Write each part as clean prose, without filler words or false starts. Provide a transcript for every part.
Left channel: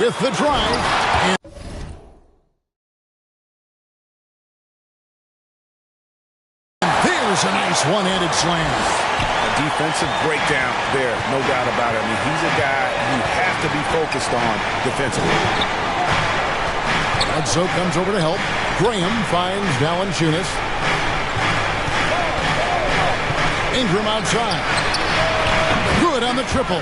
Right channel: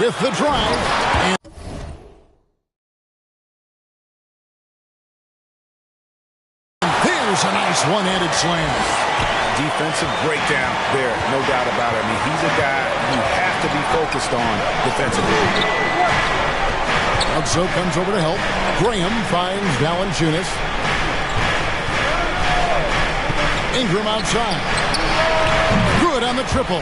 with the drive. And there's a nice one-handed slam. A defensive breakdown there, no doubt about it. I mean, he's a guy you have to be focused on defensively. Bledsoe comes over to help. Graham finds Valanciunas. Ingram outside. Good on the triple.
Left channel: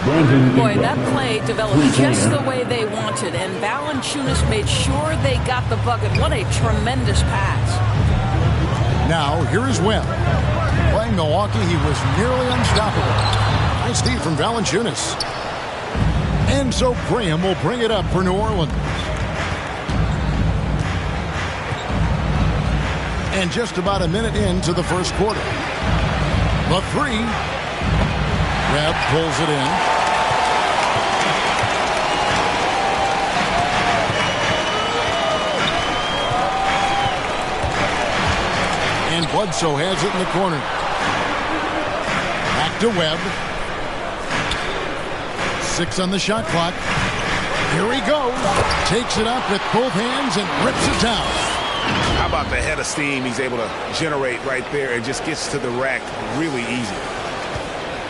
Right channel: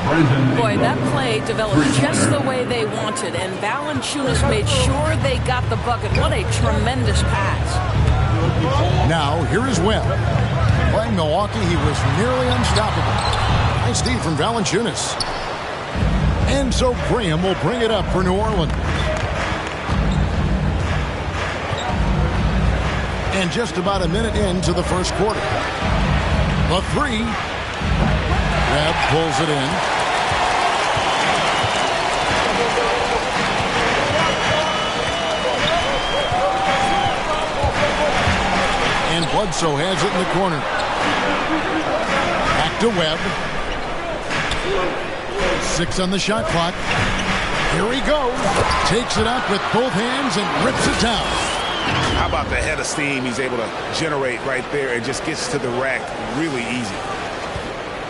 Boy, that play developed just the way they wanted, and Valanciunas made sure they got the bucket. What a tremendous pass. Now, here is Webb. Playing Milwaukee, he was nearly unstoppable. Nice feed from Valanciunas. And so Graham will bring it up for New Orleans. And just about a minute into the first quarter. The three. Webb pulls it in. And Bledsoe has it in the corner. Back to Webb. 6 on the shot clock. Here he goes. Takes it up with both hands and rips it down. How about the head of steam he's able to generate right there and just gets to the rack really easy.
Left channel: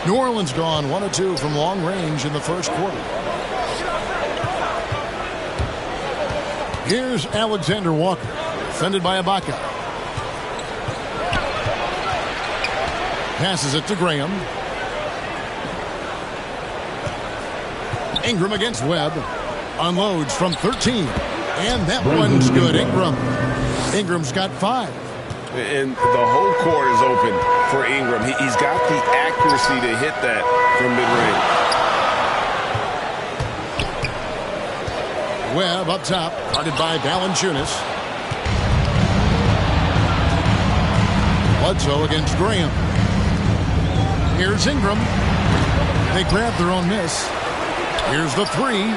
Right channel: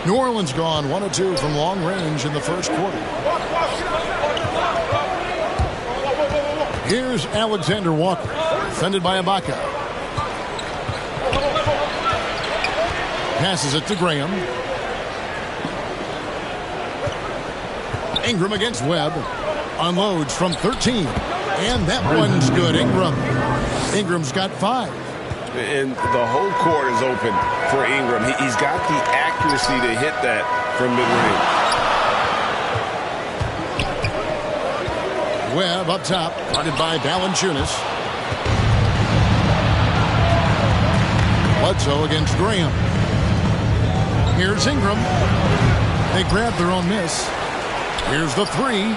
New Orleans gone 1 of 2 from long range in the first quarter. Here's Alexander Walker, defended by Ibaka. Passes it to Graham. Ingram against Webb. Unloads from 13. And that one's good. Ingram's got 5. And the whole court is open for Ingram. He's got the accuracy to hit that from mid-range. Webb up top, guarded by Valanciunas. Bledsoe against Graham. Here's Ingram. They grab their own miss. Here's the three.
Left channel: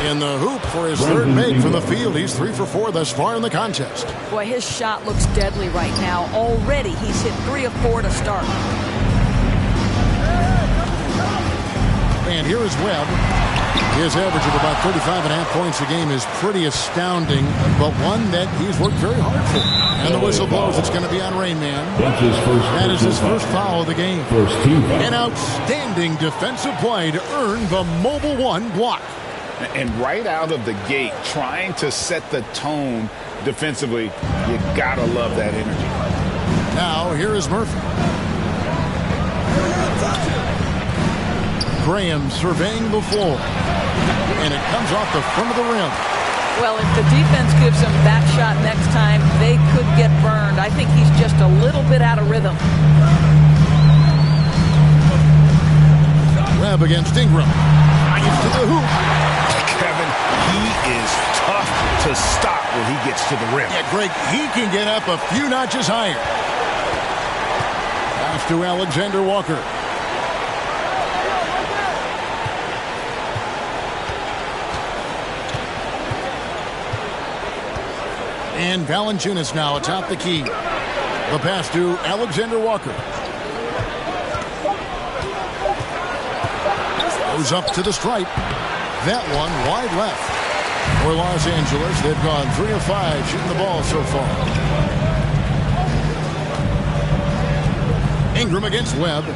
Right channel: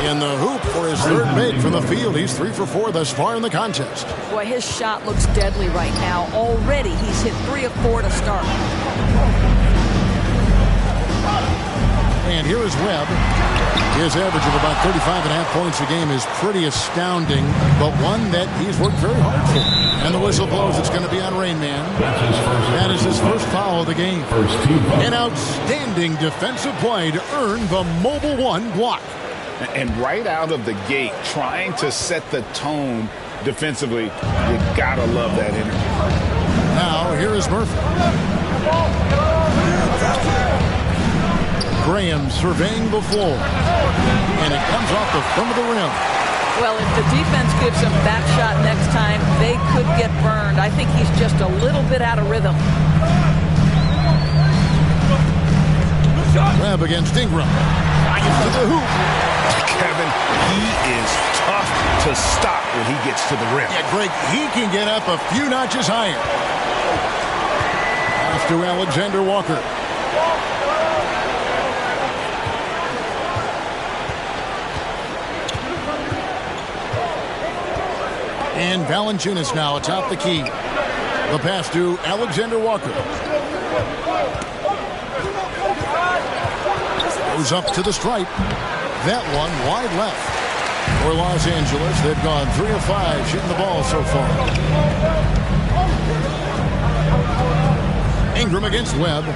In the hoop for his third make from the field. He's 3 for 4 thus far in the contest. Boy, his shot looks deadly right now. Already he's hit 3 of 4 to start. And here is Webb. His average of about 35.5 points a game is pretty astounding, but one that he's worked very hard for. And the whistle blows. It's going to be on Rain Man. That is his first foul of the game. An outstanding defensive play to earn the Mobile One block. And right out of the gate, trying to set the tone defensively, you gotta love that energy. Now, here is Murphy. Graham surveying the floor. And it comes off the front of the rim. Well, if the defense gives him that shot next time, they could get burned. I think he's just a little bit out of rhythm. Webb against Ingram. Drives to the hoop. Kevin, he is tough to stop when he gets to the rim. Yeah, Greg, he can get up a few notches higher. Pass to Alexander Walker. And Valanciunas now atop the key. The pass to Alexander Walker. Goes up to the stripe. That one wide left for Los Angeles. They've gone 3 of 5 shooting the ball so far. Ingram against Webb.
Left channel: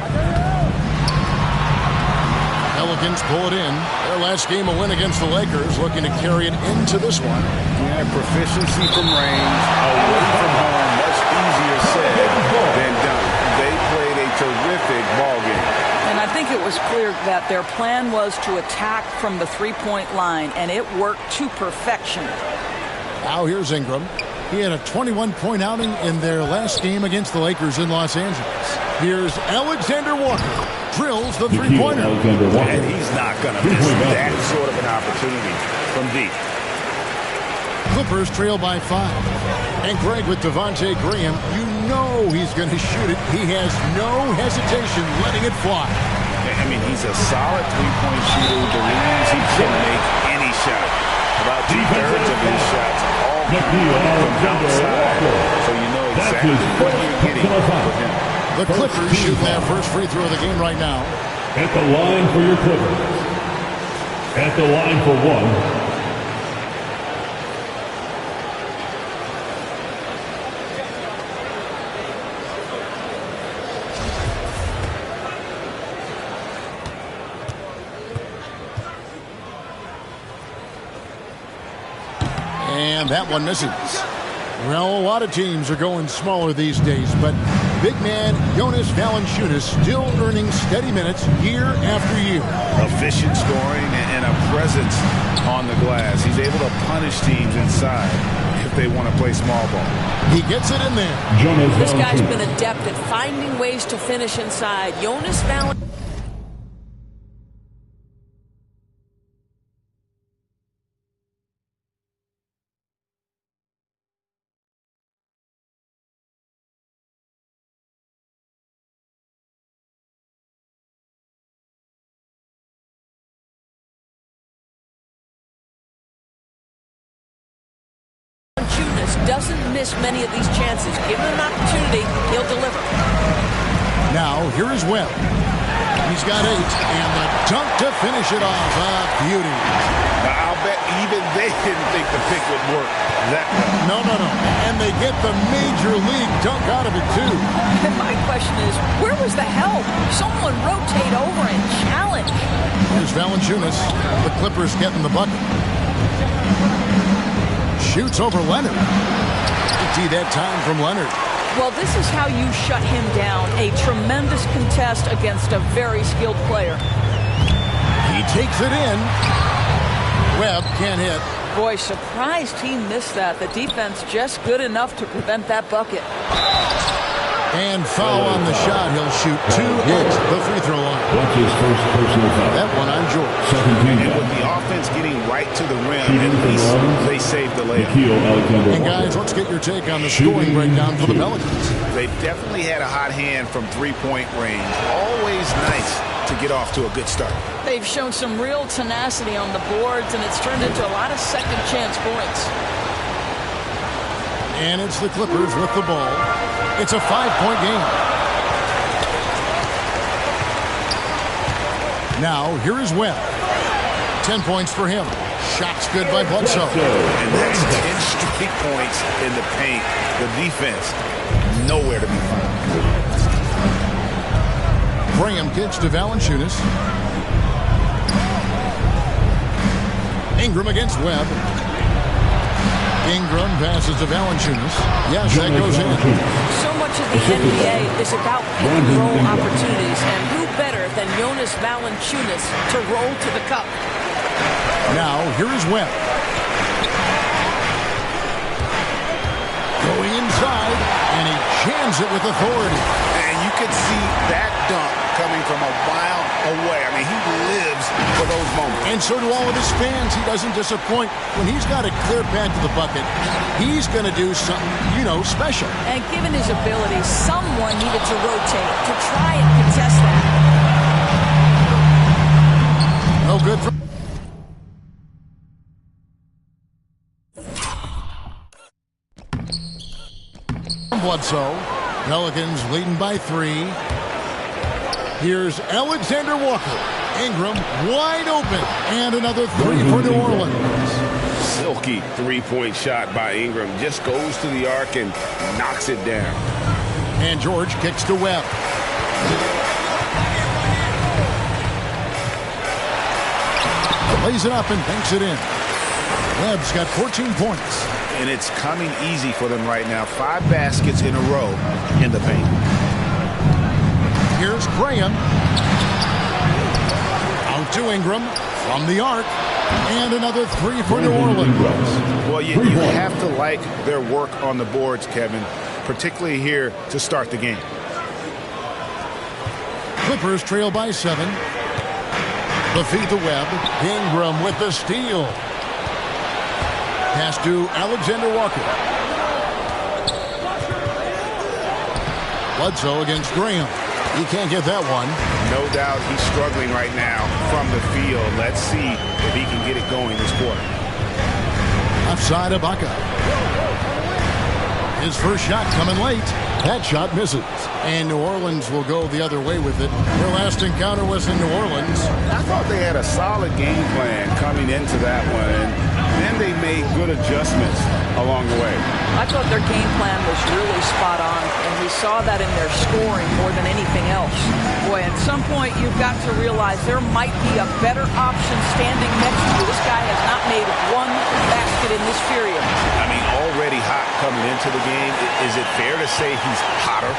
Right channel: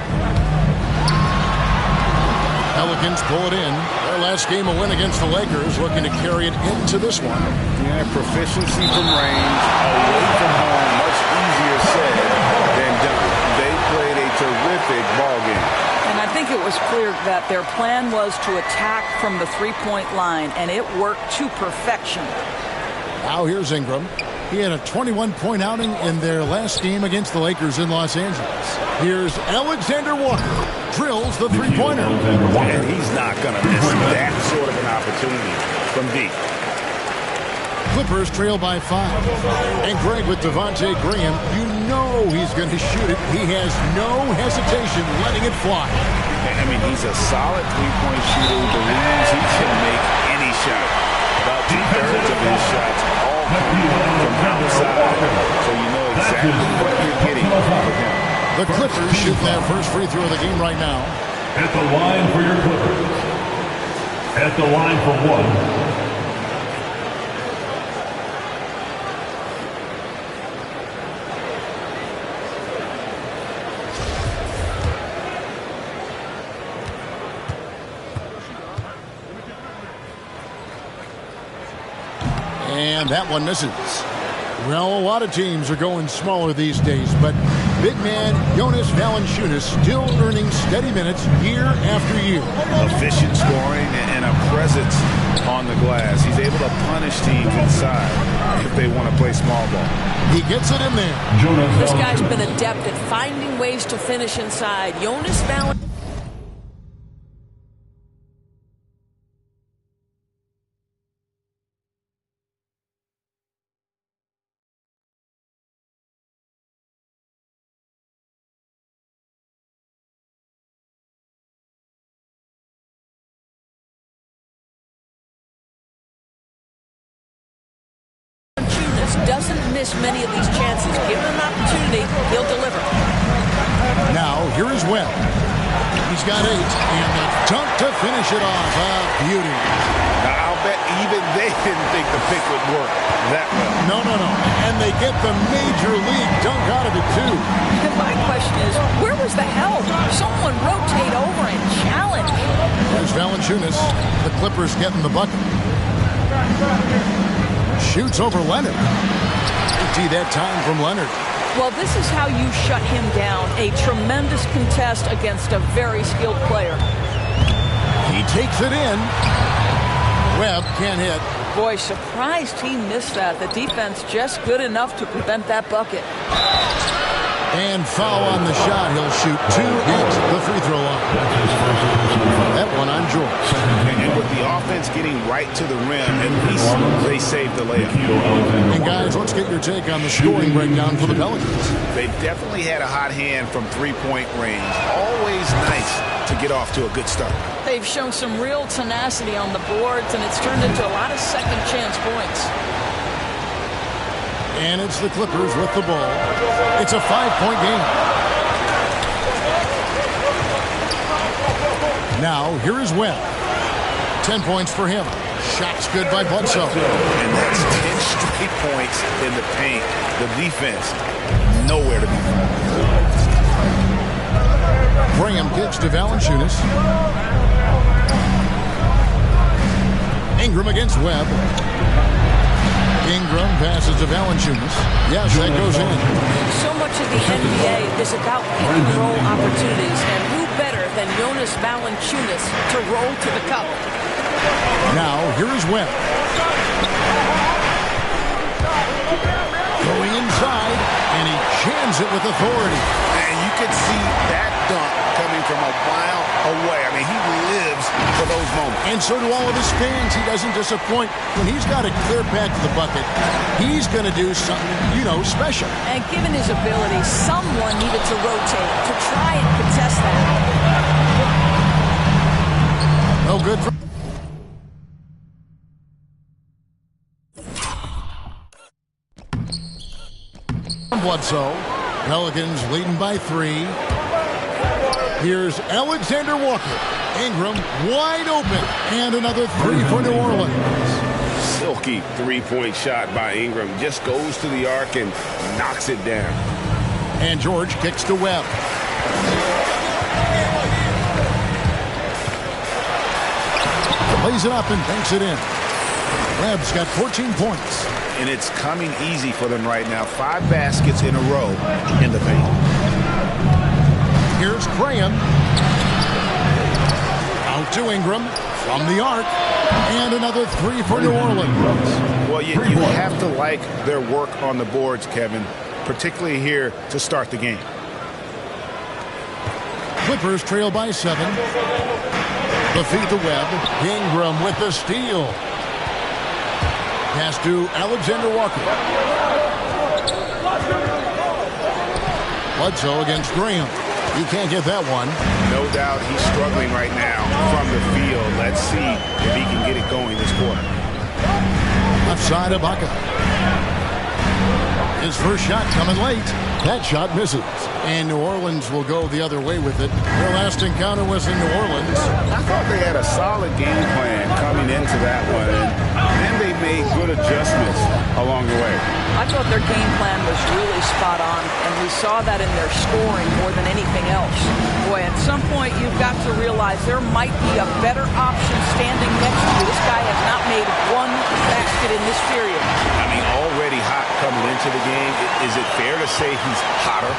Pelicans pull it in. Their last game a win against the Lakers, looking to carry it into this one. Yeah, proficiency from range, away from home, much easier said than done. They played a terrific ball game. And I think it was clear that their plan was to attack from the three-point line, and it worked to perfection. Now here's Ingram. He had a 21-point outing in their last game against the Lakers in Los Angeles. Here's Alexander Walker. Drills the three-pointer. And he's not going to miss that sort of an opportunity from deep. Clippers trail by 5. And Greg, with Devontae Graham, you know he's going to shoot it. He has no hesitation letting it fly. I mean, he's a solid three-point shooter who believes he can make any shot. About 2/3 of his shots all come from outside. So you know exactly what you're getting with him. The Clippers shooting their first free throw of the game right now. At the line for your Clippers. At the line for one, And that one misses. Well, a lot of teams are going smaller these days, but big man Jonas Valanciunas still earning steady minutes year after year. Efficient scoring and a presence on the glass. He's able to punish teams inside if they want to play small ball. He gets it in there. This guy's been adept at finding ways to finish inside. Jonas Valanciunas. Doesn't miss many of these chances. Given an opportunity, he'll deliver. Now, here is Webb. He's got 8, and the dunk to finish it off. A beauty. Now, I'll bet even they didn't think the pick would work that well. No. And they get the major league dunk out of it, too. And my question is, where was the help? Someone rotate over and challenge. There's Valanciunas. The Clippers getting the bucket. Shoots over Leonard. AT that time from Leonard. Well, this is how you shut him down. A tremendous contest against a very skilled player. He takes it in. Webb can't hit. Boy, surprised he missed that. The defense just good enough to prevent that bucket. And foul on the shot. He'll shoot 2 at the free throw line. That's his first personal foul. That one on George. And with the offense getting right to the rim, at least they saved the layup. And guys, let's get your take on the scoring breakdown for the Pelicans. They've definitely had a hot hand from three-point range. Always nice to get off to a good start. They've shown some real tenacity on the boards, and it's turned into a lot of second-chance points. And it's the Clippers with the ball. It's a 5-point game. Now, here is Webb. 10 points for him. Shot's good by Bledsoe. And that's 10 straight points in the paint. The defense, nowhere to be found. Graham kicks to Valanciunas. Ingram against Webb. Ingram passes to Valanciunas. Yes, that goes in. So much of the NBA is about pick-and-roll opportunities, and who better than Jonas Valanciunas to roll to the cup? Now, here is Webb. Going inside, and he jams it with authority. And you could see that dunk coming from a mile away. I mean, he lives for those moments. And so do all of his fans. He doesn't disappoint. When he's got a clear path to the bucket, he's going to do something, special. And given his ability, someone needed to rotate to try and contest that. No good for... Bledsoe. Pelicans leading by 3. Here's Alexander Walker. Ingram wide open. And another 3 for New Orleans. Silky three-point shot by Ingram. Just goes to the arc and knocks it down. And George kicks to Webb. Lays it up and banks it in. Webb's got 14 points. And it's coming easy for them right now. 5 baskets in a row in the paint. Here's Graham. Out to Ingram from the arc. And another 3 for New Orleans. Well, you have to like their work on the boards, Kevin, particularly here to start the game. Clippers trail by 7. The feed to Webb. Ingram with the steal. Pass to Alexander Walker. Bledsoe against Graham. He can't get that one. No doubt he's struggling right now from the field. Let's see if he can get it going this quarter. Left side Ibaka. His first shot coming late. That shot misses. And New Orleans will go the other way with it. Their last encounter was in New Orleans. I thought they had a solid game plan coming into that one, and then they made good adjustments along the way. I thought their game plan was really spot on, and we saw that in their scoring more than anything else. Boy, at some point you've got to realize there might be a better option standing next to you. This guy has not made one basket in this period. I mean, already hot coming into the game. Is it fair to say he's hotter?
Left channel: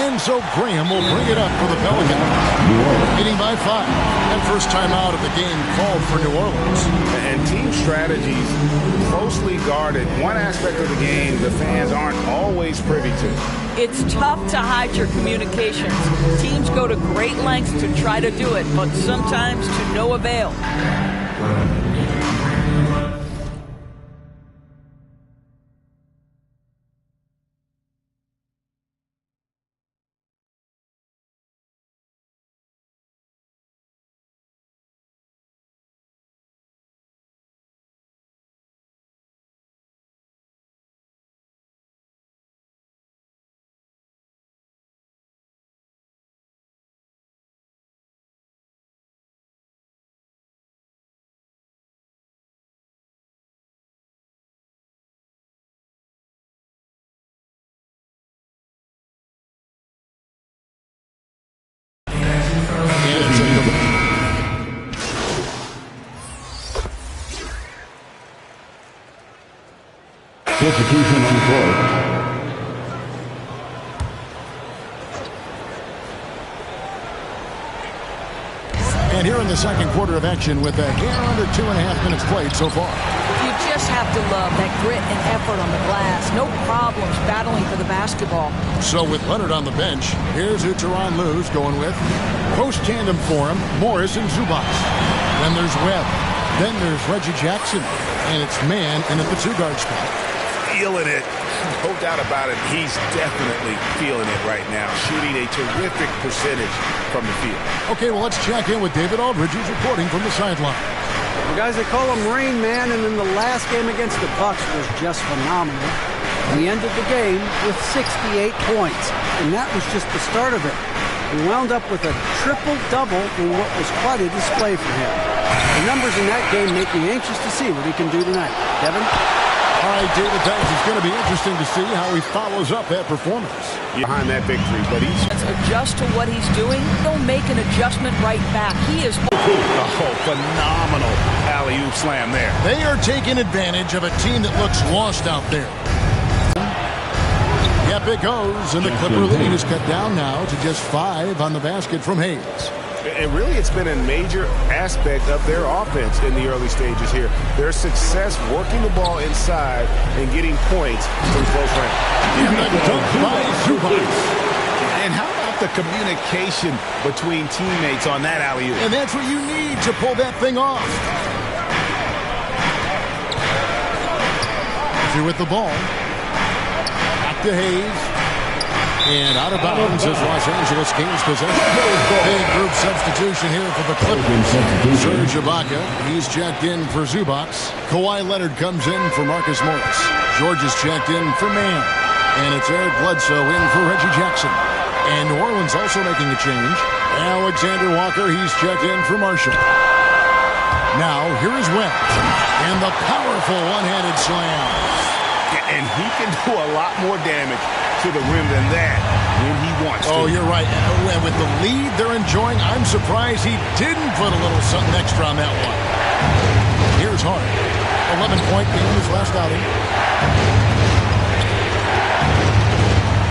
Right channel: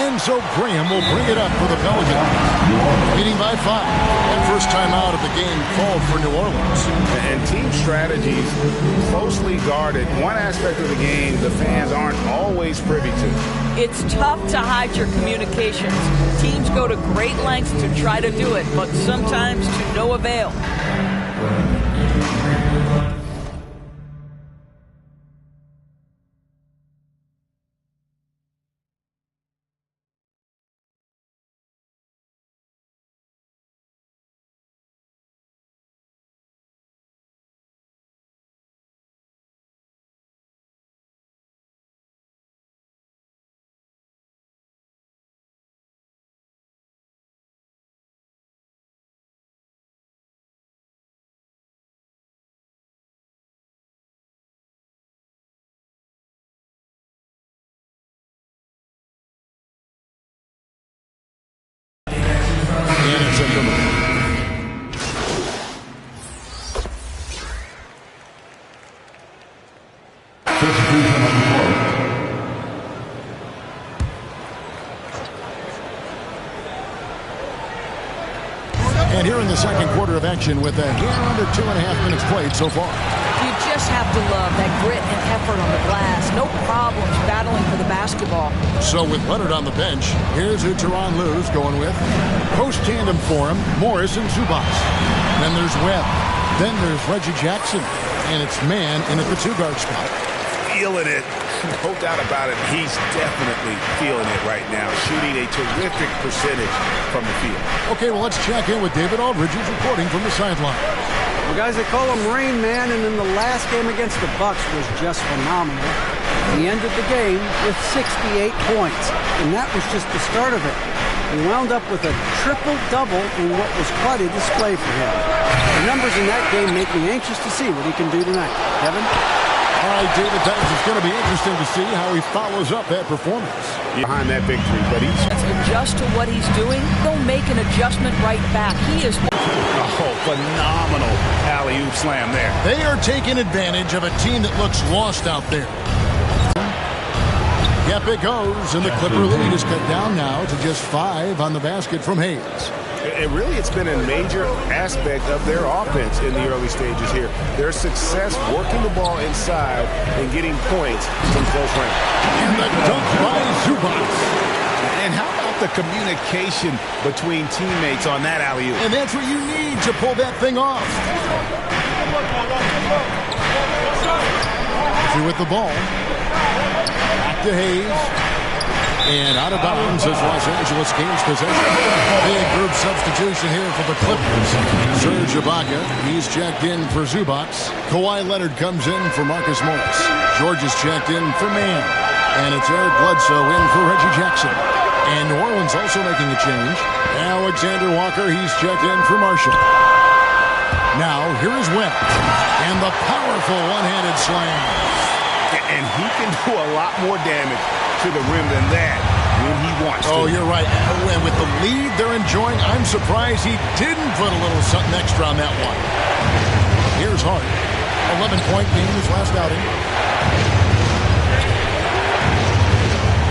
And so Graham will bring it up for the Pelicans. Leading by 5. And first time out of the game called for New Orleans. And team strategies closely guarded. One aspect of the game the fans aren't always privy to. It's tough to hide your communications. Teams go to great lengths to try to do it, but sometimes to no avail. And it's a number. Substitution on the court. And here in the second quarter of action with a hair under 2.5 minutes played so far. You just have to love that grit and effort on the glass. No problems battling for the basketball. So with Leonard on the bench, here's who Tyronn Lue's going with. Post tandem for him, Morris and Zubac. Then there's Webb. Then there's Reggie Jackson. And it's Man in at the 2-guard spot. Feeling it. No doubt about it. He's definitely feeling it right now. Shooting a terrific percentage from the field. Okay, well, let's check in with David Aldridge, who's reporting from the sideline. Well, guys, they call him Rain Man, and in the last game against the Bucks was just phenomenal. He ended the game with 68 points, and that was just the start of it. He wound up with a triple-double in what was quite a display for him. The numbers in that game make me anxious to see what he can do tonight. Kevin? All right, David, thanks. It's going to be interesting to see how he follows up that performance. Behind that victory, but he's... Let's adjust to what he's doing. He'll make an adjustment right back. He is... Oh, phenomenal alley-oop slam there. They are taking advantage of a team that looks lost out there. Yep, it goes, and the Clipper lead is cut down now to just 5 on the basket from Hayes. And really, it's been a major aspect of their offense in the early stages here. Their success working the ball inside and getting points from close range. And the dunk by Zubac. And how about the communication between teammates on that alley-oop? And that's what you need to pull that thing off. Through with the ball. Back to Hayes. And out of bounds as Los Angeles gains possession. Big group substitution here for the Clippers. Serge Ibaka, he's checked in for Zubac. Kawhi Leonard comes in for Marcus Morris. George is checked in for Mann. And it's Eric Bledsoe in for Reggie Jackson. And New Orleans also making a change. Alexander Walker, he's checked in for Marshall. Now, here is Webb. And the powerful one-handed slam. And he can do a lot more damage to the rim than that when he wants to. Oh, you're right. And with the lead they're enjoying, I'm surprised he didn't put a little something extra on that one. Here's Hart. 11-point game his last outing.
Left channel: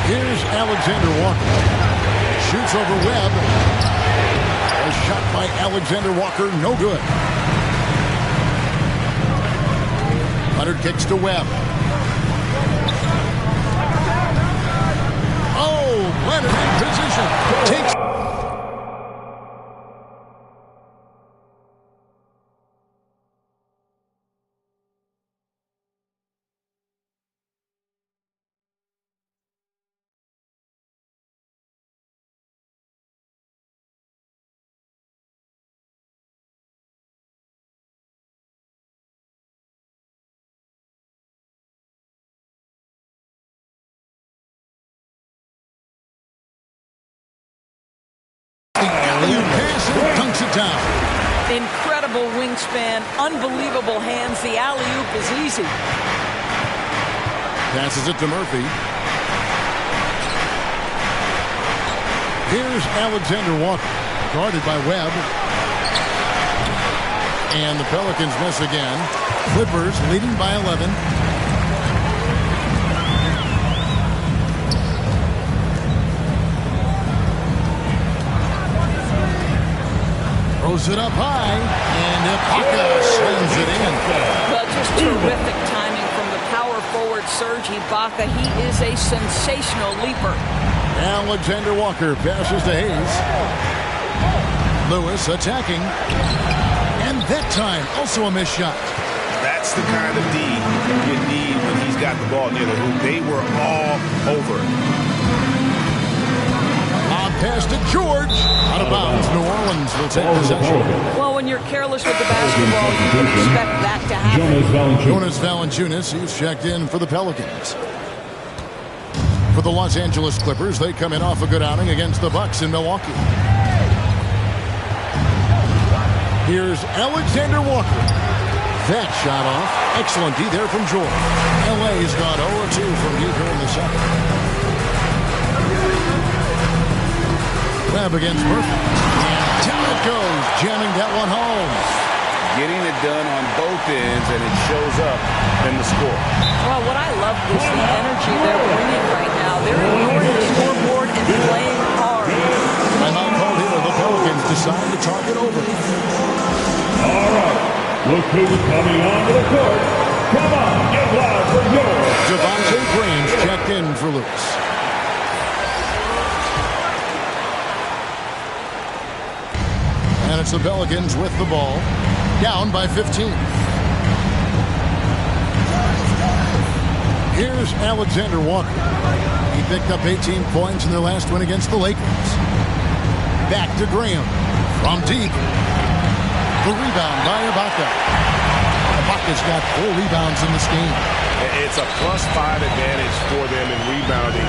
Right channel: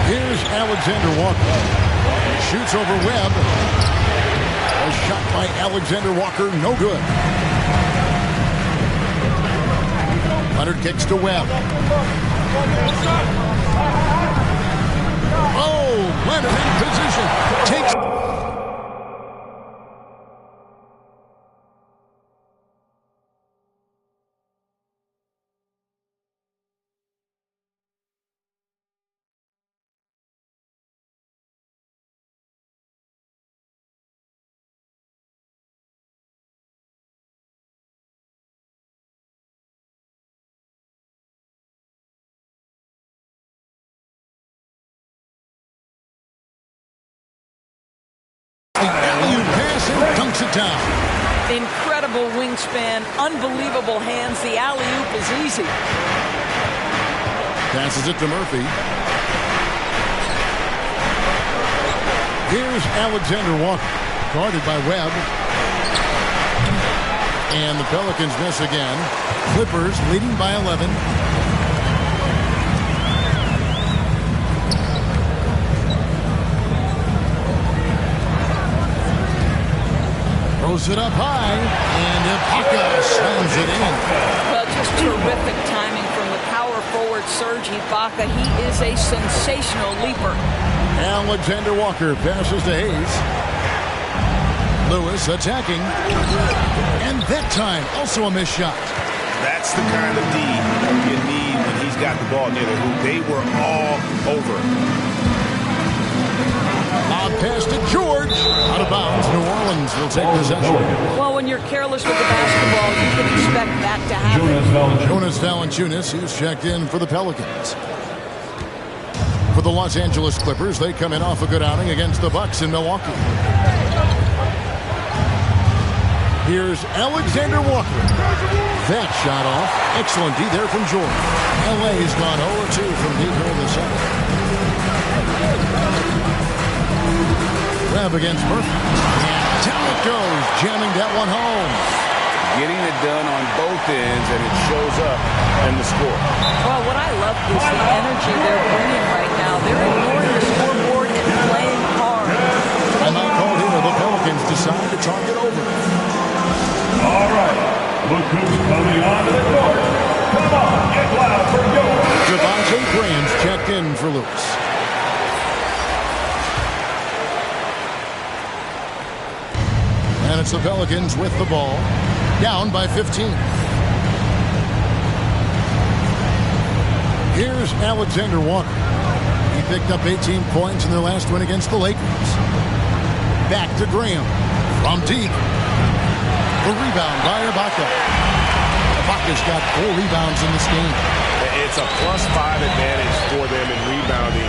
Here's Alexander Walker. Shoots over Webb. A shot by Alexander Walker, no good. Leonard kicks to Webb. Oh, Leonard in position. Takes... The alley-oop pass and dunks it down. Incredible wingspan, unbelievable hands. The alley-oop is easy. Passes it to Murphy. Here's Alexander Walker, guarded by Webb. And the Pelicans miss again. Clippers leading by 11. Throws it up high, and Ibaka slams it in. Well, just terrific timing from the power forward Serge Ibaka. He is a sensational leaper. Alexander Walker passes to Hayes. Lewis attacking. And that time, also a missed shot. That's the kind of D you need when he's got the ball near the hoop. They were all over. Lob pass to George. Out of bounds. New Orleans will take possession. Well, when you're careless with the basketball, you can expect that to happen. Jonas Valanciunas, he's checked in for the Pelicans. For the Los Angeles Clippers, they come in off a good outing against the Bucks in Milwaukee. Here's Alexander Walker. That shot off. Excellent D there from George. LA's gone 0-2 from deep here in the second. Webb against Murphy. And down it goes, jamming that one home. Getting it done on both ends, and it shows up in the score. Well, what I love is the energy they're bringing right now. They're ignoring the scoreboard and playing hard. Timeout called here. The Pelicans decide to talk it over. All right. Look who's coming onto the court. Come on, get loud for yours. Devontae Graham's checked in for Lewis. And it's the Pelicans with the ball. Down by 15. Here's Alexander Walker. He picked up 18 points in their last win against the Lakers. Back to Graham. From deep. The rebound by Ibaka. Ibaka's got 4 rebounds in this game. It's a +5 advantage for them in rebounding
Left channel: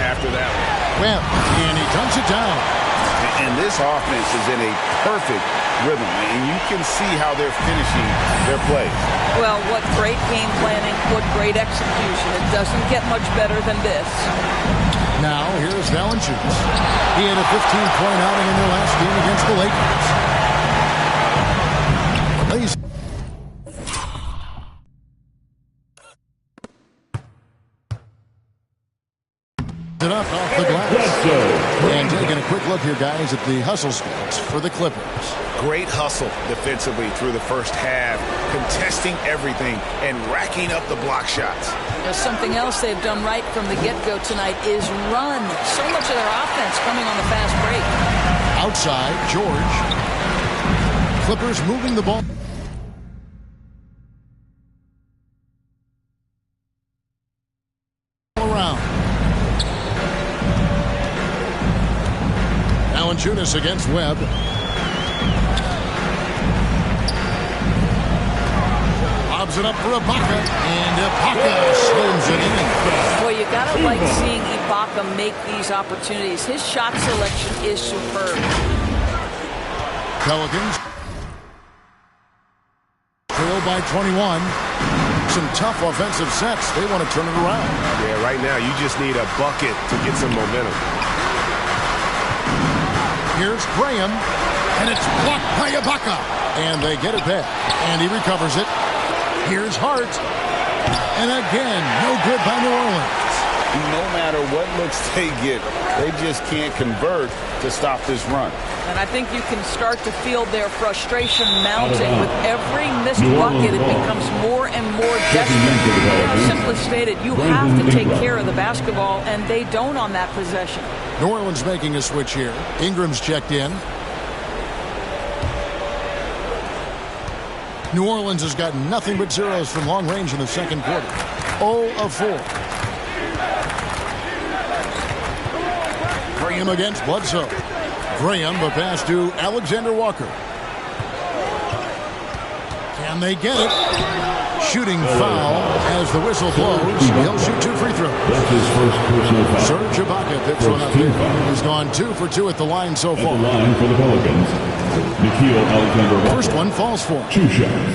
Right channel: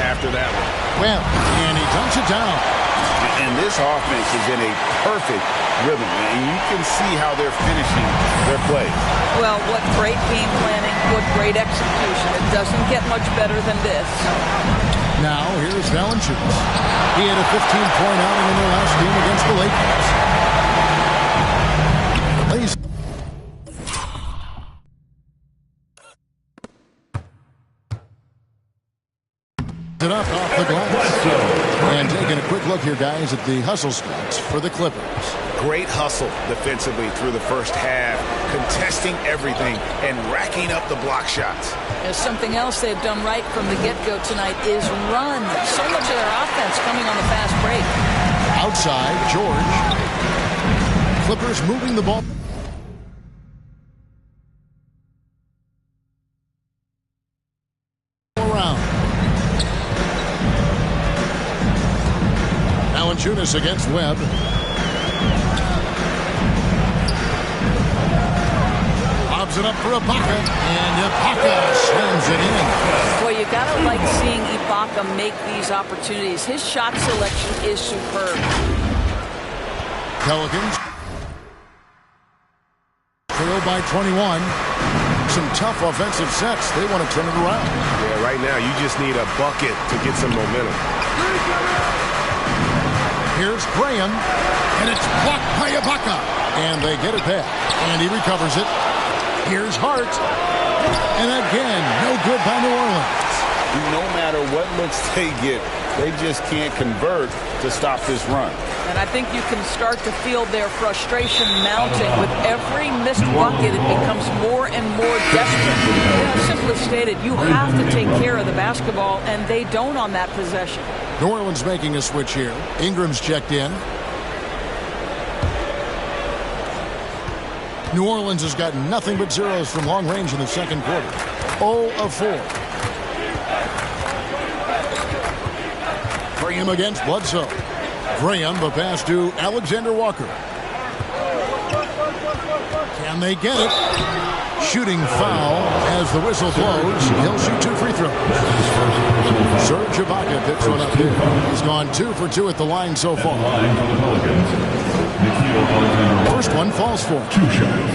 after that one. Well, and he dunks it down. And this offense is in a perfect rhythm, and you can see how they're finishing their plays. Well, what great game planning, what great execution. It doesn't get much better than this. Now, here's Valanciunas. He had a 15-point outing in their last game against the Lakers. Lays it up off the glass. And taking a quick look here, guys, at the hustle stats for the Clippers. Great hustle defensively through the first half, contesting everything and racking up the block shots. Something else they've done right from the get-go tonight is run. So much of their offense coming on the fast break. Outside, George. Clippers moving the ball. Around. Valanciunas against Webb. Lobs it up for Ibaka, and Ibaka slams it in. Well, you gotta like seeing Ibaka make these opportunities. His shot selection is superb. Pelicans trail by 21. Some tough offensive sets. They want to turn it around. Yeah, right now you just need a bucket to get some momentum. Here's Graham, and it's blocked by Ibaka. And they get it back, and he recovers it. Here's Hart, and again, no good by New Orleans. No matter what looks they get, they just can't convert to stop this run. And I think you can start to feel their frustration mounting. With every missed bucket, it becomes more and more desperate. Simply stated, you have to take care of the basketball, and they don't on that possession. New Orleans making a switch here. Ingram's checked in. New Orleans has got nothing but zeros from long range in the second quarter. 0 of 4. Graham against Bledsoe. Graham, the pass to Alexander Walker. Can they get it? Shooting foul as the whistle blows. He'll shoot 2 free throws. That's his first personal foul. Serge Ibaka picks one up there. He's gone 2 for 2 at the line so far. At the line for the Pelicans, Nickeil Alexander-Walker. First one falls for him. 2 shots.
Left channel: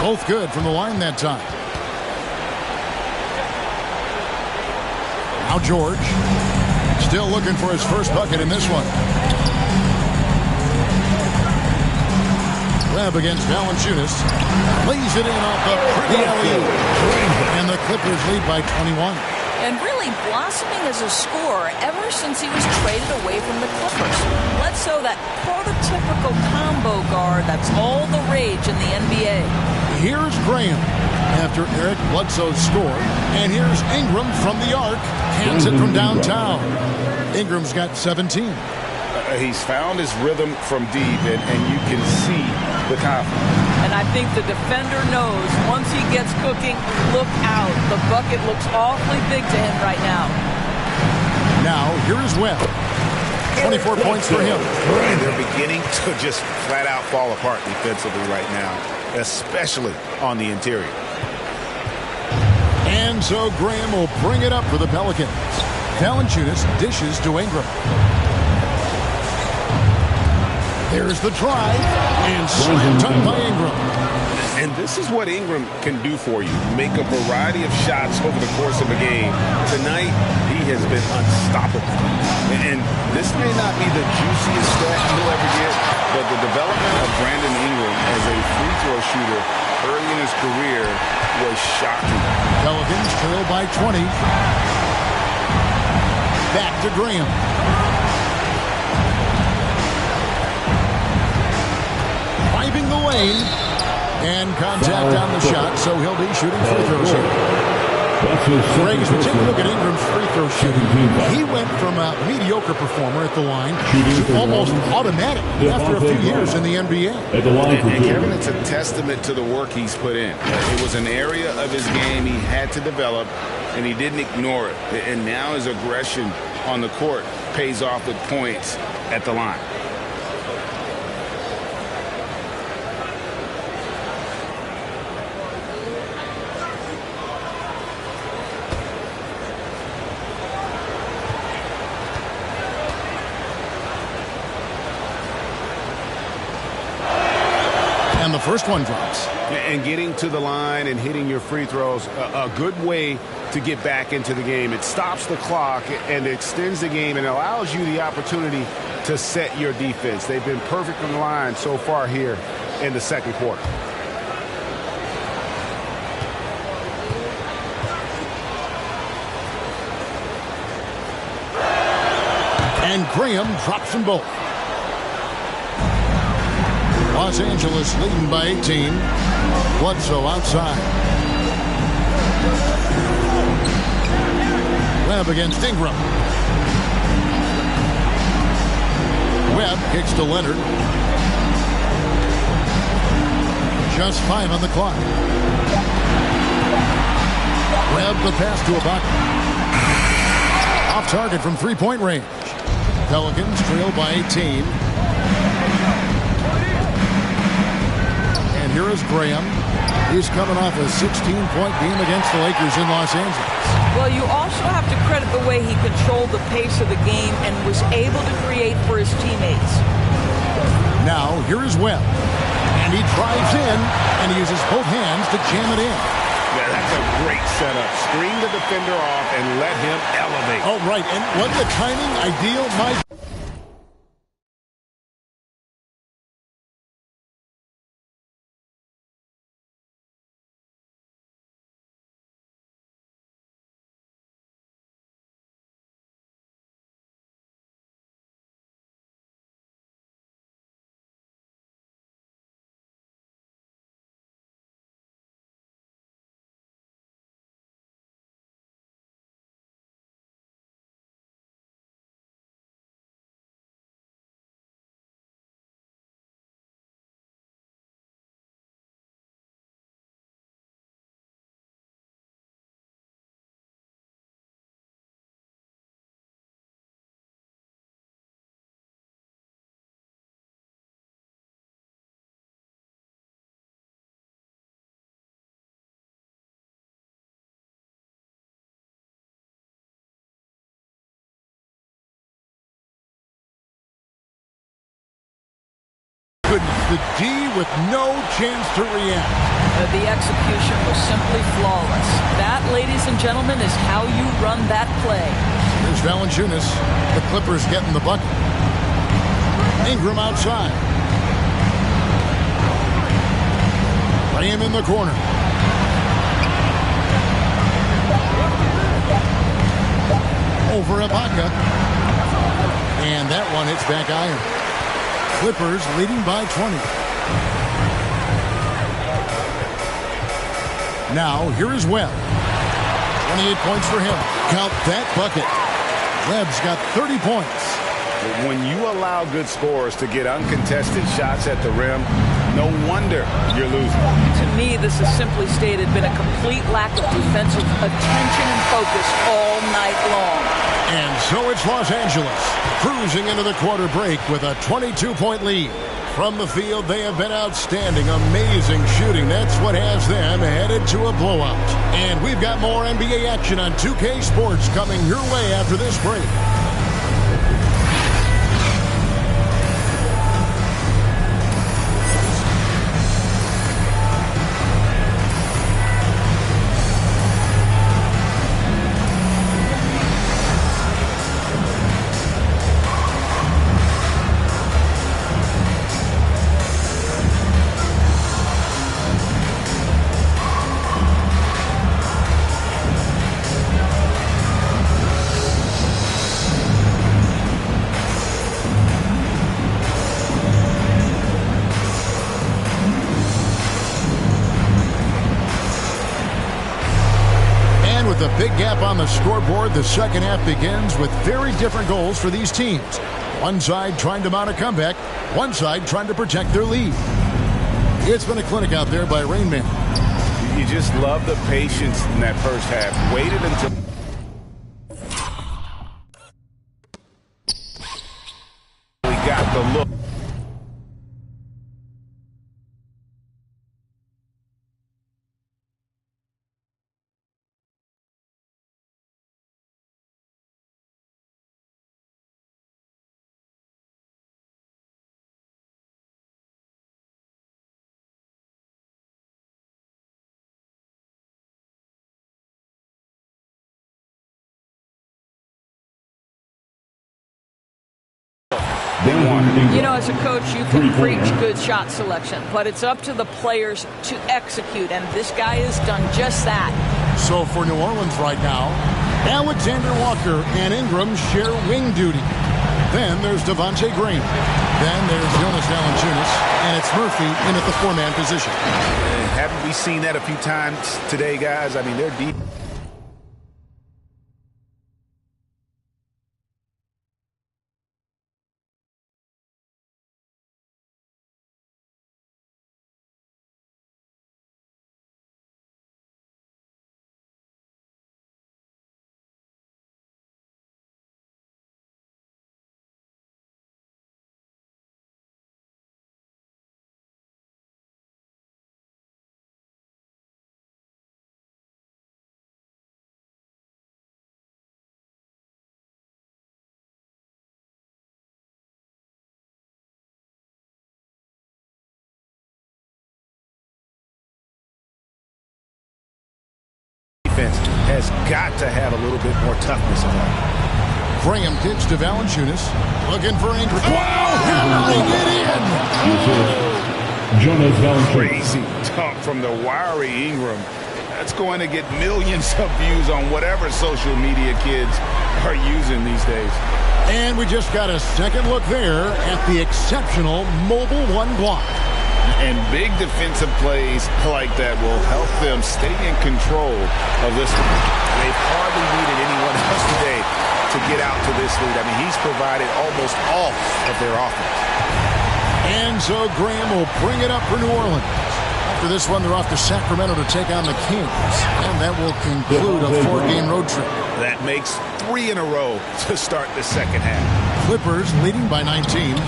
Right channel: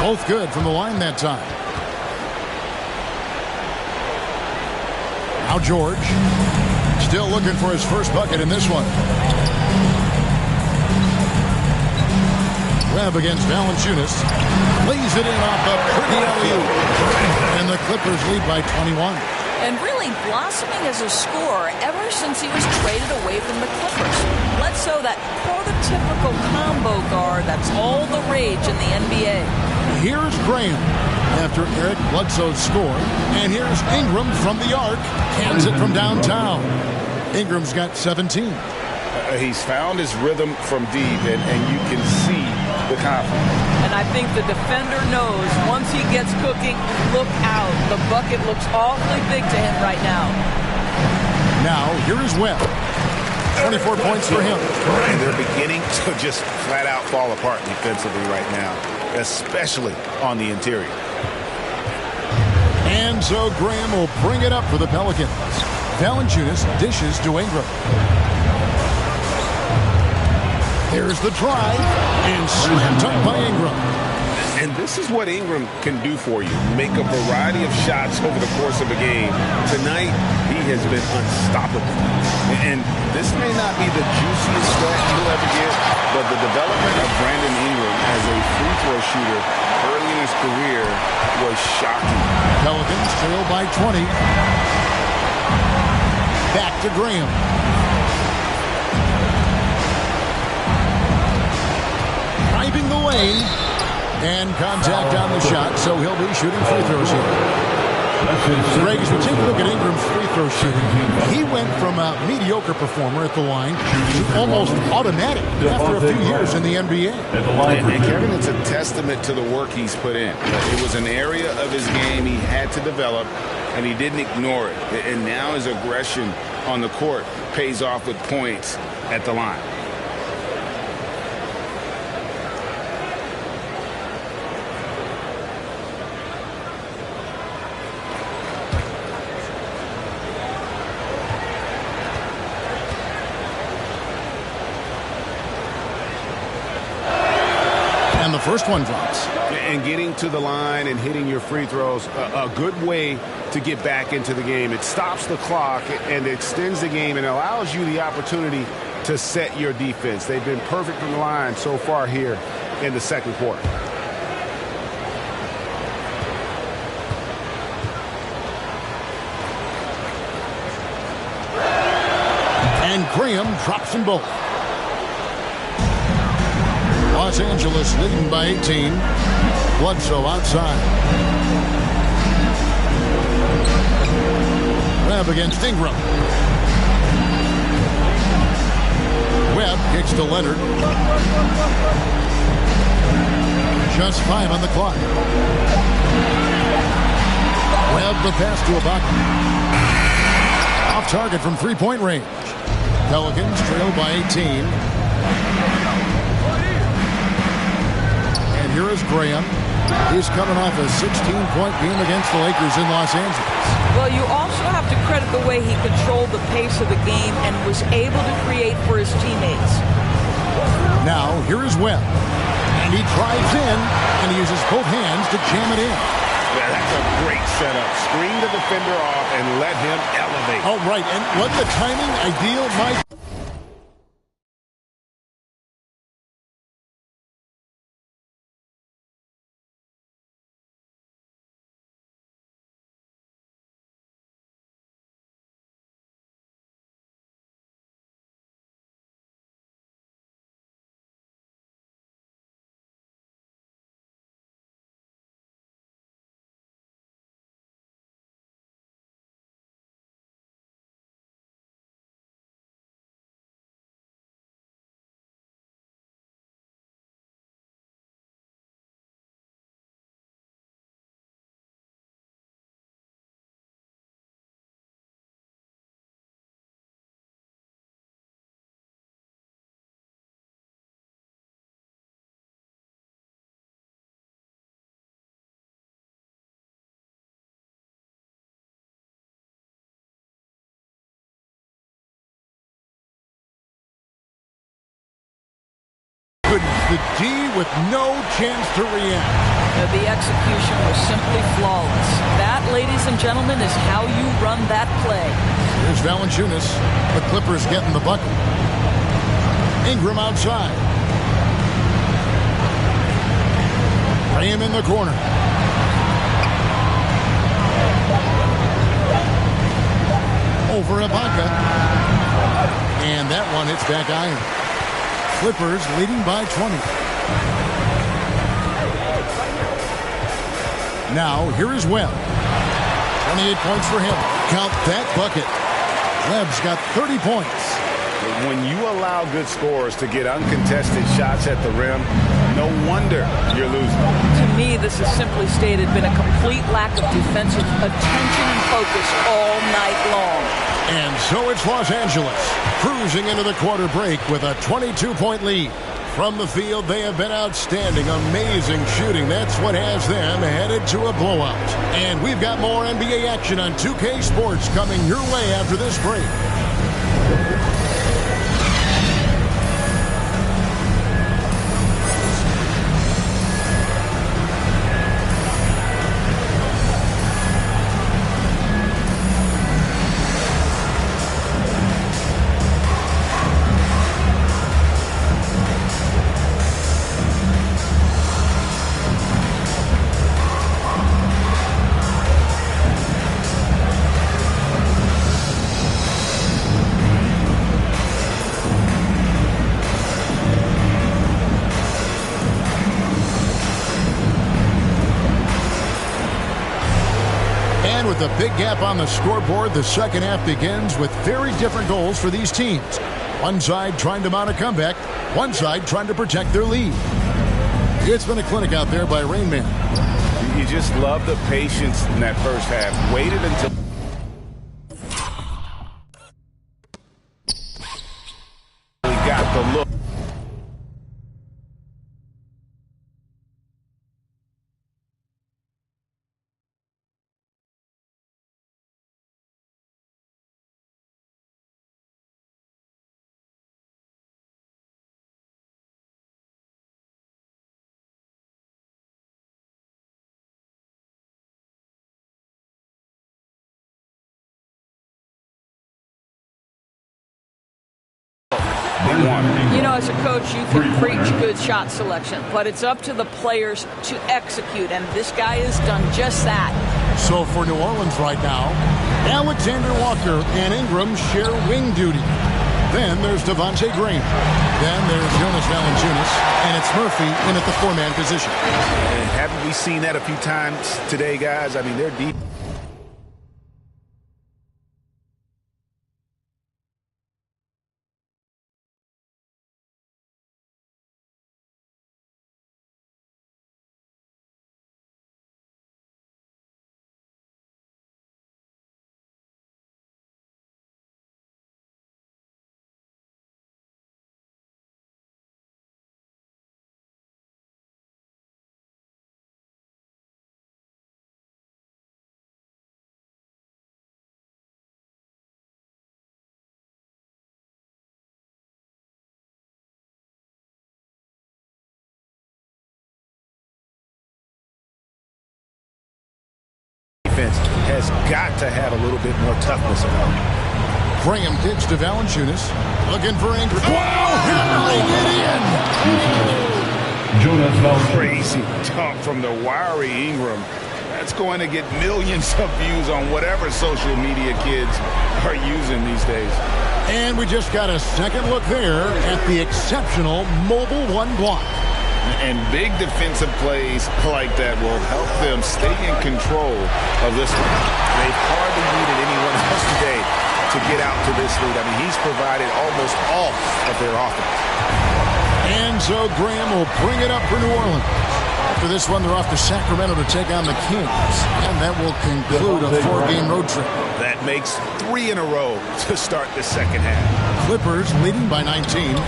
Both good from the line that time. Now George. Still looking for his first bucket in this one. Webb against Valanciunas. Lays it in off the pretty alley-oop. And the Clippers lead by 21. And really blossoming as a scorer ever since he was traded away from the Clippers. Bledsoe, that prototypical combo guard, that's all the rage in the NBA. Here's Graham after Eric Bledsoe's score. And here's Ingram from the arc. Hands it from downtown. Ingram's got 17. He's found his rhythm from deep, and you can see the confidence. And I think the defender knows once he gets cooking, look out. The bucket looks awfully big to him right now. Now, here is Webb. 24 points for him. And they're beginning to just flat out fall apart defensively right now, especially on the interior. And so Graham will bring it up for the Pelicans. Valanciunas dishes to Ingram. There's the drive, and slammed up by Ingram. And this is what Ingram can do for you. Make a variety of shots over the course of a game. Tonight, he has been unstoppable. And this may not be the juiciest stat you'll ever get, but the development of Brandon Ingram as a free throw shooter early in his career was shocking. Pelicans trail by 20. Back to Graham. Driving the lane, and contact on the shot, so he'll be shooting free throws here. Greg, as we take a look at Ingram's free throw shooting, he went from a mediocre performer at the line to almost automatic after a few years in the NBA. And Kevin, it's a testament to the work he's put in. It was an area of his game he had to develop, and he didn't ignore it. And now his aggression on the court pays off with points at the line. And the first one drops. And getting to the line and hitting your free throws, a good way to get back into the game. It stops the clock and extends the game and allows you the opportunity to set your defense. They've been perfect from the line so far here in the second quarter. And Graham drops them both. Los Angeles leading by 18. Bledsoe outside. Webb against Ingram. Webb kicks to Leonard. Just 5 on the clock. Webb the pass to Ibaka. Off target from three-point range. Pelicans trail by 18. And here is Graham. He's coming off a 16-point game against the Lakers in Los Angeles. Well, you also have to credit the way he controlled the pace of the game and was able to create for his teammates. Now, here is Webb. And he drives in, and he uses both hands to jam it in. Yeah, that's a great setup. Screen the defender off and let him elevate. Oh, right. And wasn't the timing ideal, Mike? Goodness, the D with no chance to react. The execution was simply flawless. That, ladies and gentlemen, is how you run that play. Here's Valanciunas. The Clippers getting the bucket. Ingram outside. Graham in the corner. Over Ibaka. And that one hits back iron. Clippers leading by 20. Now, here is Webb. 28 points for him. Count that bucket. Webb's got 30 points. When you allow good scorers to get uncontested shots at the rim, no wonder you're losing. To me, this has simply stated been a complete lack of defensive attention and focus all night long. And so it's Los Angeles cruising into the quarter break with a 22-point lead. From the field, they have been outstanding, amazing shooting. That's what has them headed to a blowout. And we've got more NBA action on 2K Sports coming your way after this break. With a big gap on the scoreboard, the second half begins with very different goals for these teams. One side trying to mount a comeback, one side trying to protect their lead. It's been a clinic out there by Rain Man. You just love the patience in that first half. Waited until we got the look. You know, as a coach, you can preach good shot selection, but it's up to the players to execute, and this guy has done just that. So for New Orleans right now, Alexander Walker and Ingram share wing duty. Then there's Devontae Graham. Then there's Jonas Valanciunas, and it's Murphy in at the four-man position. And haven't we seen that a few times today, guys? I mean, they're deep. Has got to have a little bit more toughness about it. Graham kicks to Valanciunas. Looking for Ingram. Wow! Hammering it in! Jonas Valanciunas. Crazy dunk from the wiry Ingram. That's going to get millions of views on whatever social media kids are using these days. And we just got a second look there at the exceptional Mobile One block. And big defensive plays like that will help them stay in control of this one. They've hardly needed anyone else today to get out to this lead. I mean, he's provided almost all of their offense. And so Graham will bring it up for New Orleans. After this one, they're off to Sacramento to take on the Kings. And that will conclude a four-game road trip. That makes 3 in a row to start the second half. Clippers leading by 19.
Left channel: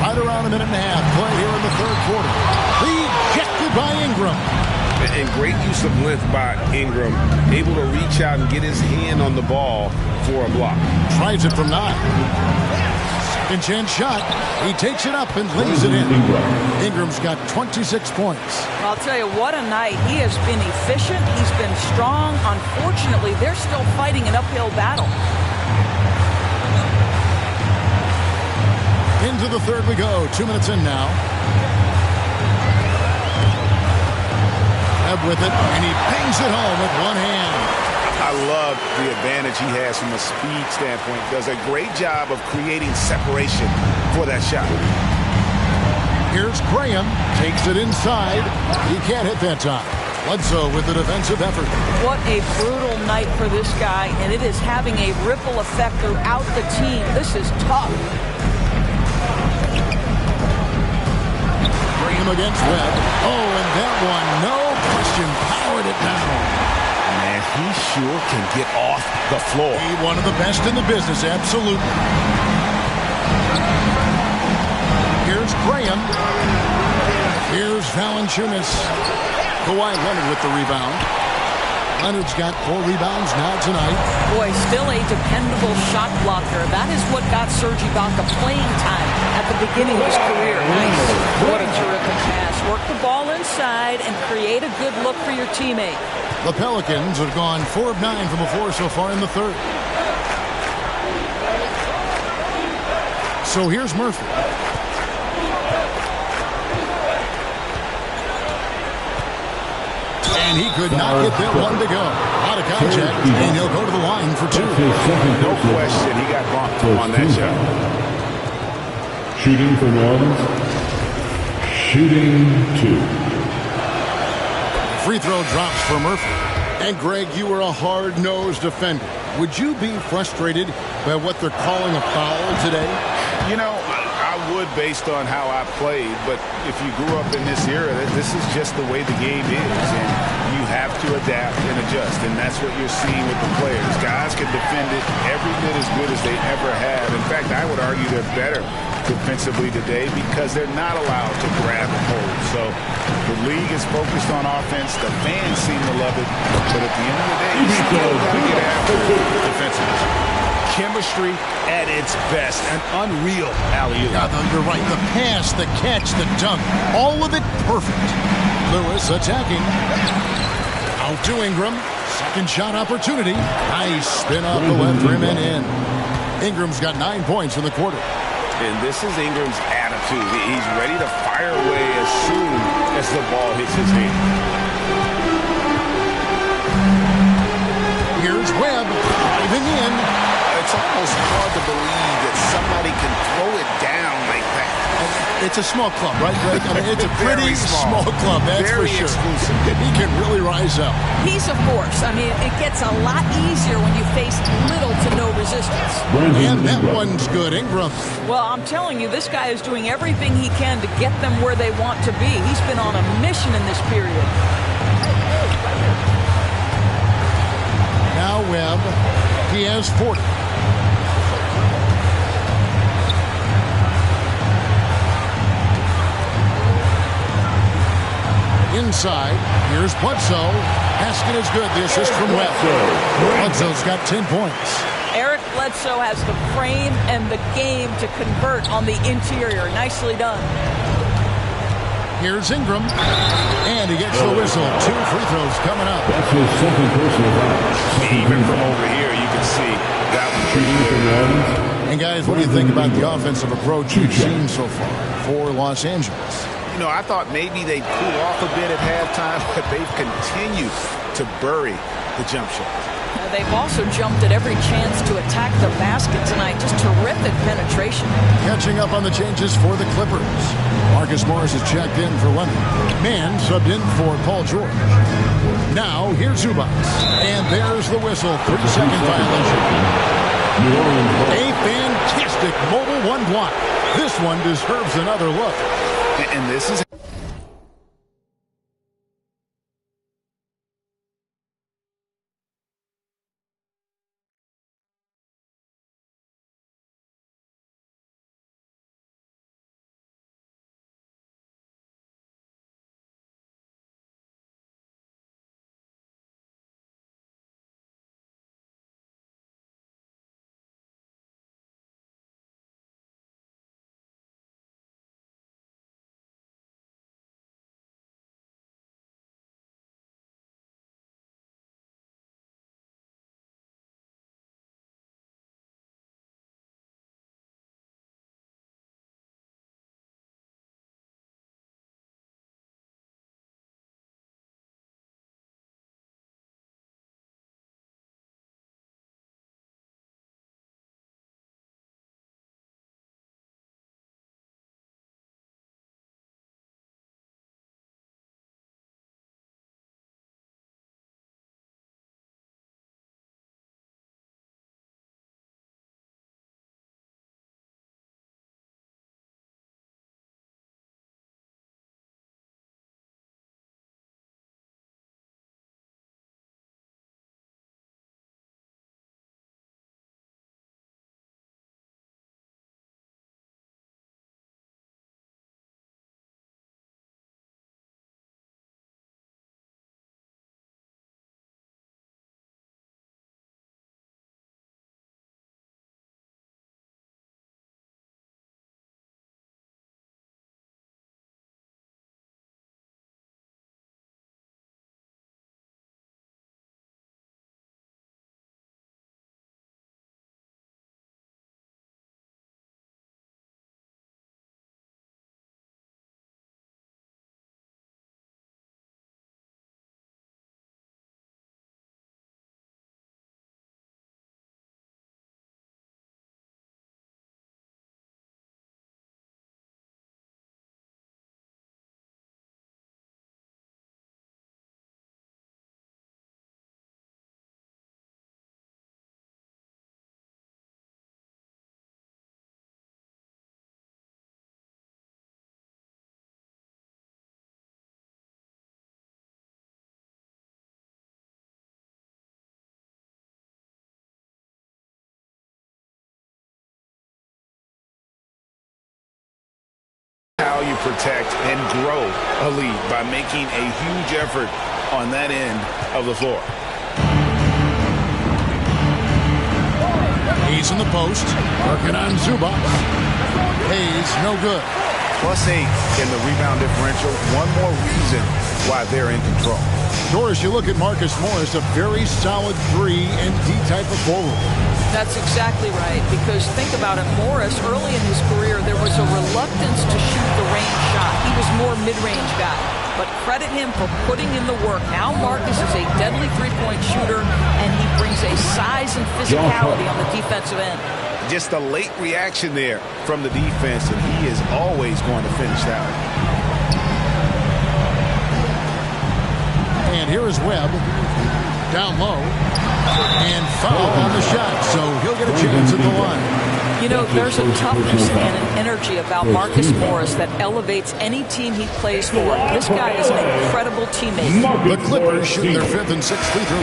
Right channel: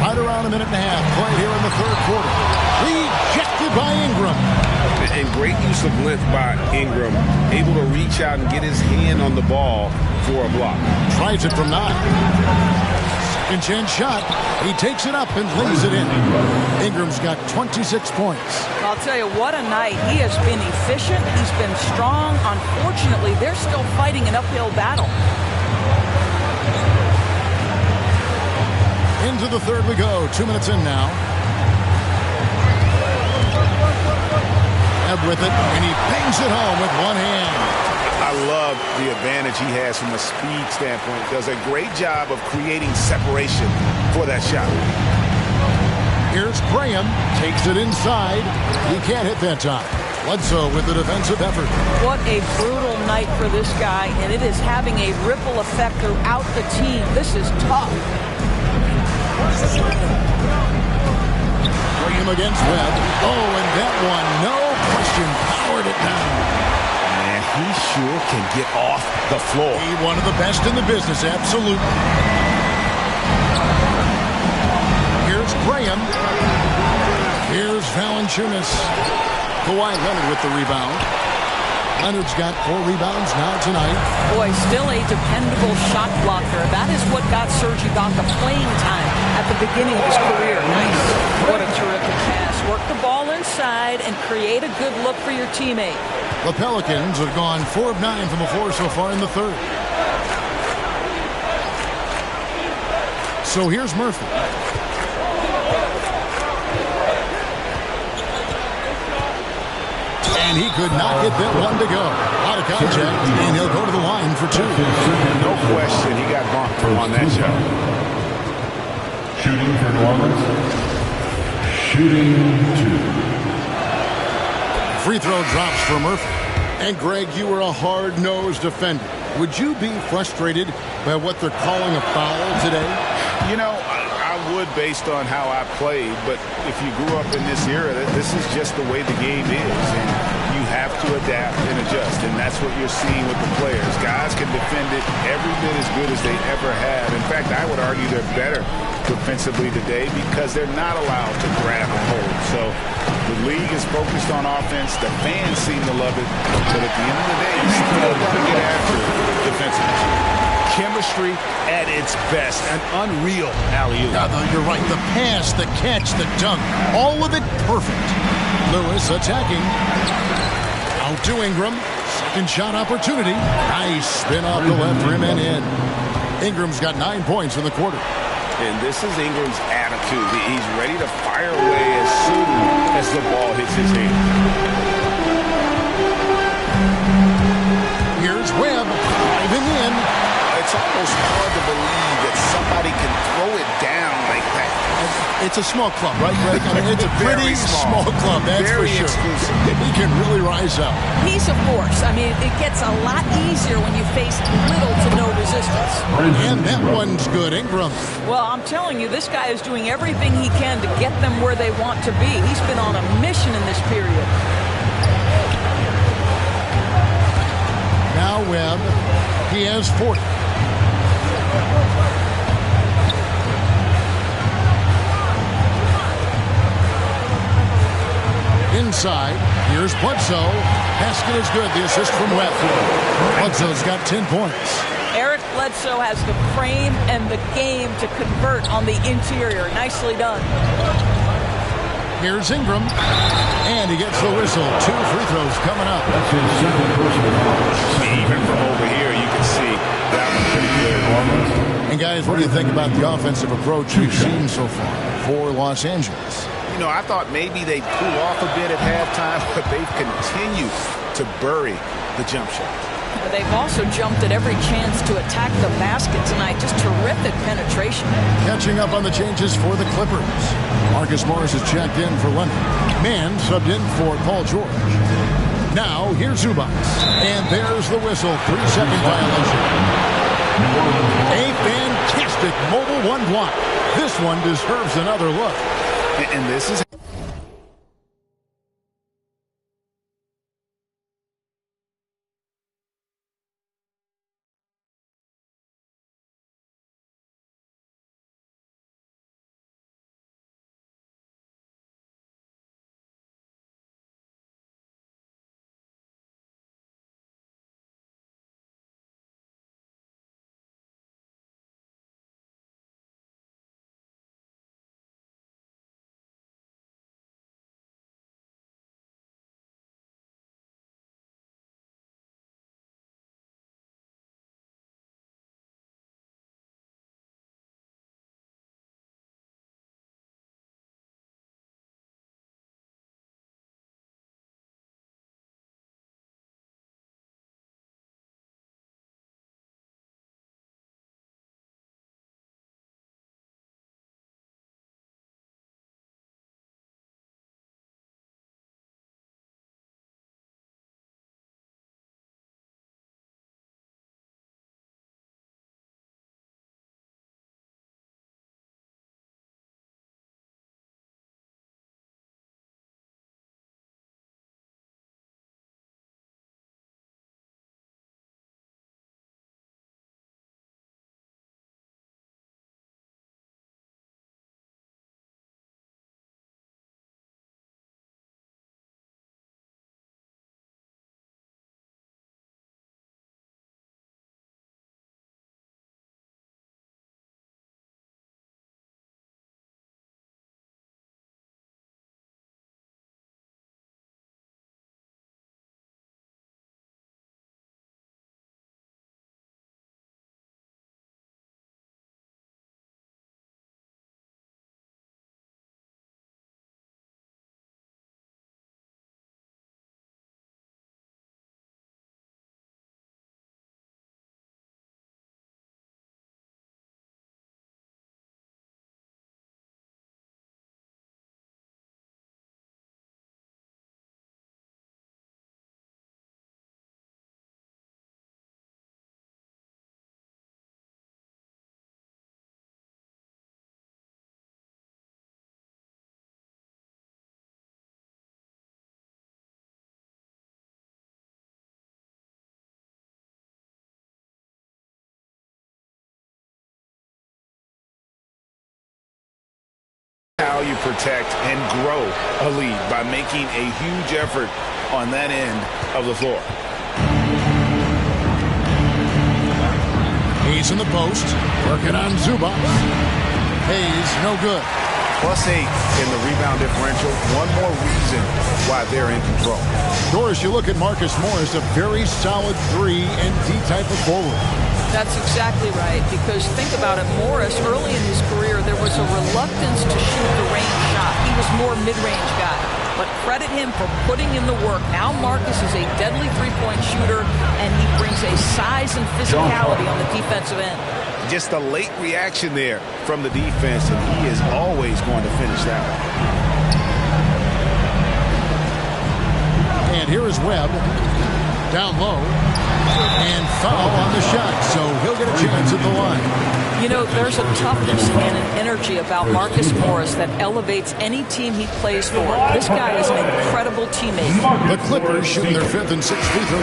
Right around a minute and a half played here in the third quarter. Rejected by Ingram. And great use of length by Ingram. Able to reach out and get his hand on the ball for a block. Tries it from 9. Second chance shot. He takes it up and lays it in. Ingram's got 26 points. I'll tell you, what a night. He has been efficient. He's been strong. Unfortunately, they're still fighting an uphill battle. Into the third we go. 2 minutes in now. Webb with it, and he bangs it home with one hand. I love the advantage he has from a speed standpoint. Does a great job of creating separation for that shot. Here's Graham. Takes it inside. He can't hit that time. Bledsoe with the defensive effort. What a brutal night for this guy, and it is having a ripple effect throughout the team. This is tough. Graham against Webb. Oh, and that one, no question, powered it down. Man, he sure can get off the floor. He one of the best in the business, absolutely. Here's Graham. Here's Valanciunas. Kawhi Leonard with the rebound. Leonard's got 4 rebounds now tonight. Boy, still a dependable shot blocker. That is what got Serge Ibaka playing time at the beginning of his career. Nice. What a terrific pass. Work the ball inside and create a good look for your teammate. The Pelicans have gone 4 of 9 from the floor so far in the third. So here's Murphy. And he could not get that one to go. A lot of contact, and he'll go to the line for 2. No question, he got bumped on that shot. Shooting for New Orleans. Shooting 2. Free throw drops for Murphy. And Greg, you were a hard-nosed defender. Would you be frustrated by what they're calling a foul today? You know, I would based on how I played, but if you grew up in this era, this is just the way the game is, and you have to adapt and adjust, and that's what you're seeing with the players. Guys can defend it every bit as good as they ever have. In fact, I would argue they're better defensively today because they're not allowed to grab and hold. So the league is focused on offense. The fans seem to love it, but at the end of the day, you still got to get after it defensively. Chemistry at its best. An unreal alley-oop. Yeah, you're right. The pass, the catch, the dunk, all of it perfect. Lewis attacking. Out to Ingram. Second shot opportunity. Nice spin off the left rim and in. Ingram's got 9 points in the quarter. And this is Ingram's attitude. He's ready to fire away as soon as the ball hits his hand. Here's Webb diving in. It's almost hard to believe that somebody can throw it down like that. It's a small club, right, Greg? I mean, it's a pretty small club, that's very for sure. Exclusive. He can really rise up. He's a force. I mean, it gets a lot easier when you face little to no resistance. And that one's good. Ingram. Well, I'm telling you, this guy is doing everything he can to get them where they want to be. He's been on a mission in this period. Now Webb. He has 40. Inside, here's Bledsoe. Basket is good. The assist from Webb. Bledsoe's got 10 points. Eric Bledsoe has the frame and the game to convert on the interior. Nicely done. Here's Ingram. And he gets the whistle. 2 free throws coming up. That's his second personal foul. Even from over here, you can see that one pretty clear. And guys, what do you think about the offensive approach we've seen so far for Los Angeles? You know, I thought maybe they'd cool off a bit at halftime, but they've continued to bury the jump shot. They've also jumped at every chance to attack the basket tonight. Just terrific penetration. Catching up on the changes for the Clippers. Marcus Morris has checked in for Leonard. Mann subbed in for Paul George. Now, here's Zubac. And there's the whistle. 3-second violation. A fantastic mobile one block. This one deserves another look. And this is How you protect and grow a lead by making a huge effort on that end of the floor. He's in the post, working on Zubac. Hayes, no good. +8 in the rebound differential. One more reason why they're in control. Doris, you look at Marcus Morris, a very solid 3 and D type of forward. That's exactly right, because think about it, Morris, early in his career, there was a reluctance to shoot the range shot. He was more mid-range guy. But credit him for putting in the work. Now Marcus is a deadly three-point shooter, and he brings a size and physicality on the defensive end. Just a late reaction there from the defense, and he is always going to finish that one. And here is Webb, down low, and foul on the shot, so he'll get a chance at the line. You know, there's a toughness and an energy about Marcus Morris that elevates any team he plays for. This guy is an incredible teammate. The Clippers shooting their 5th and 6th free throw.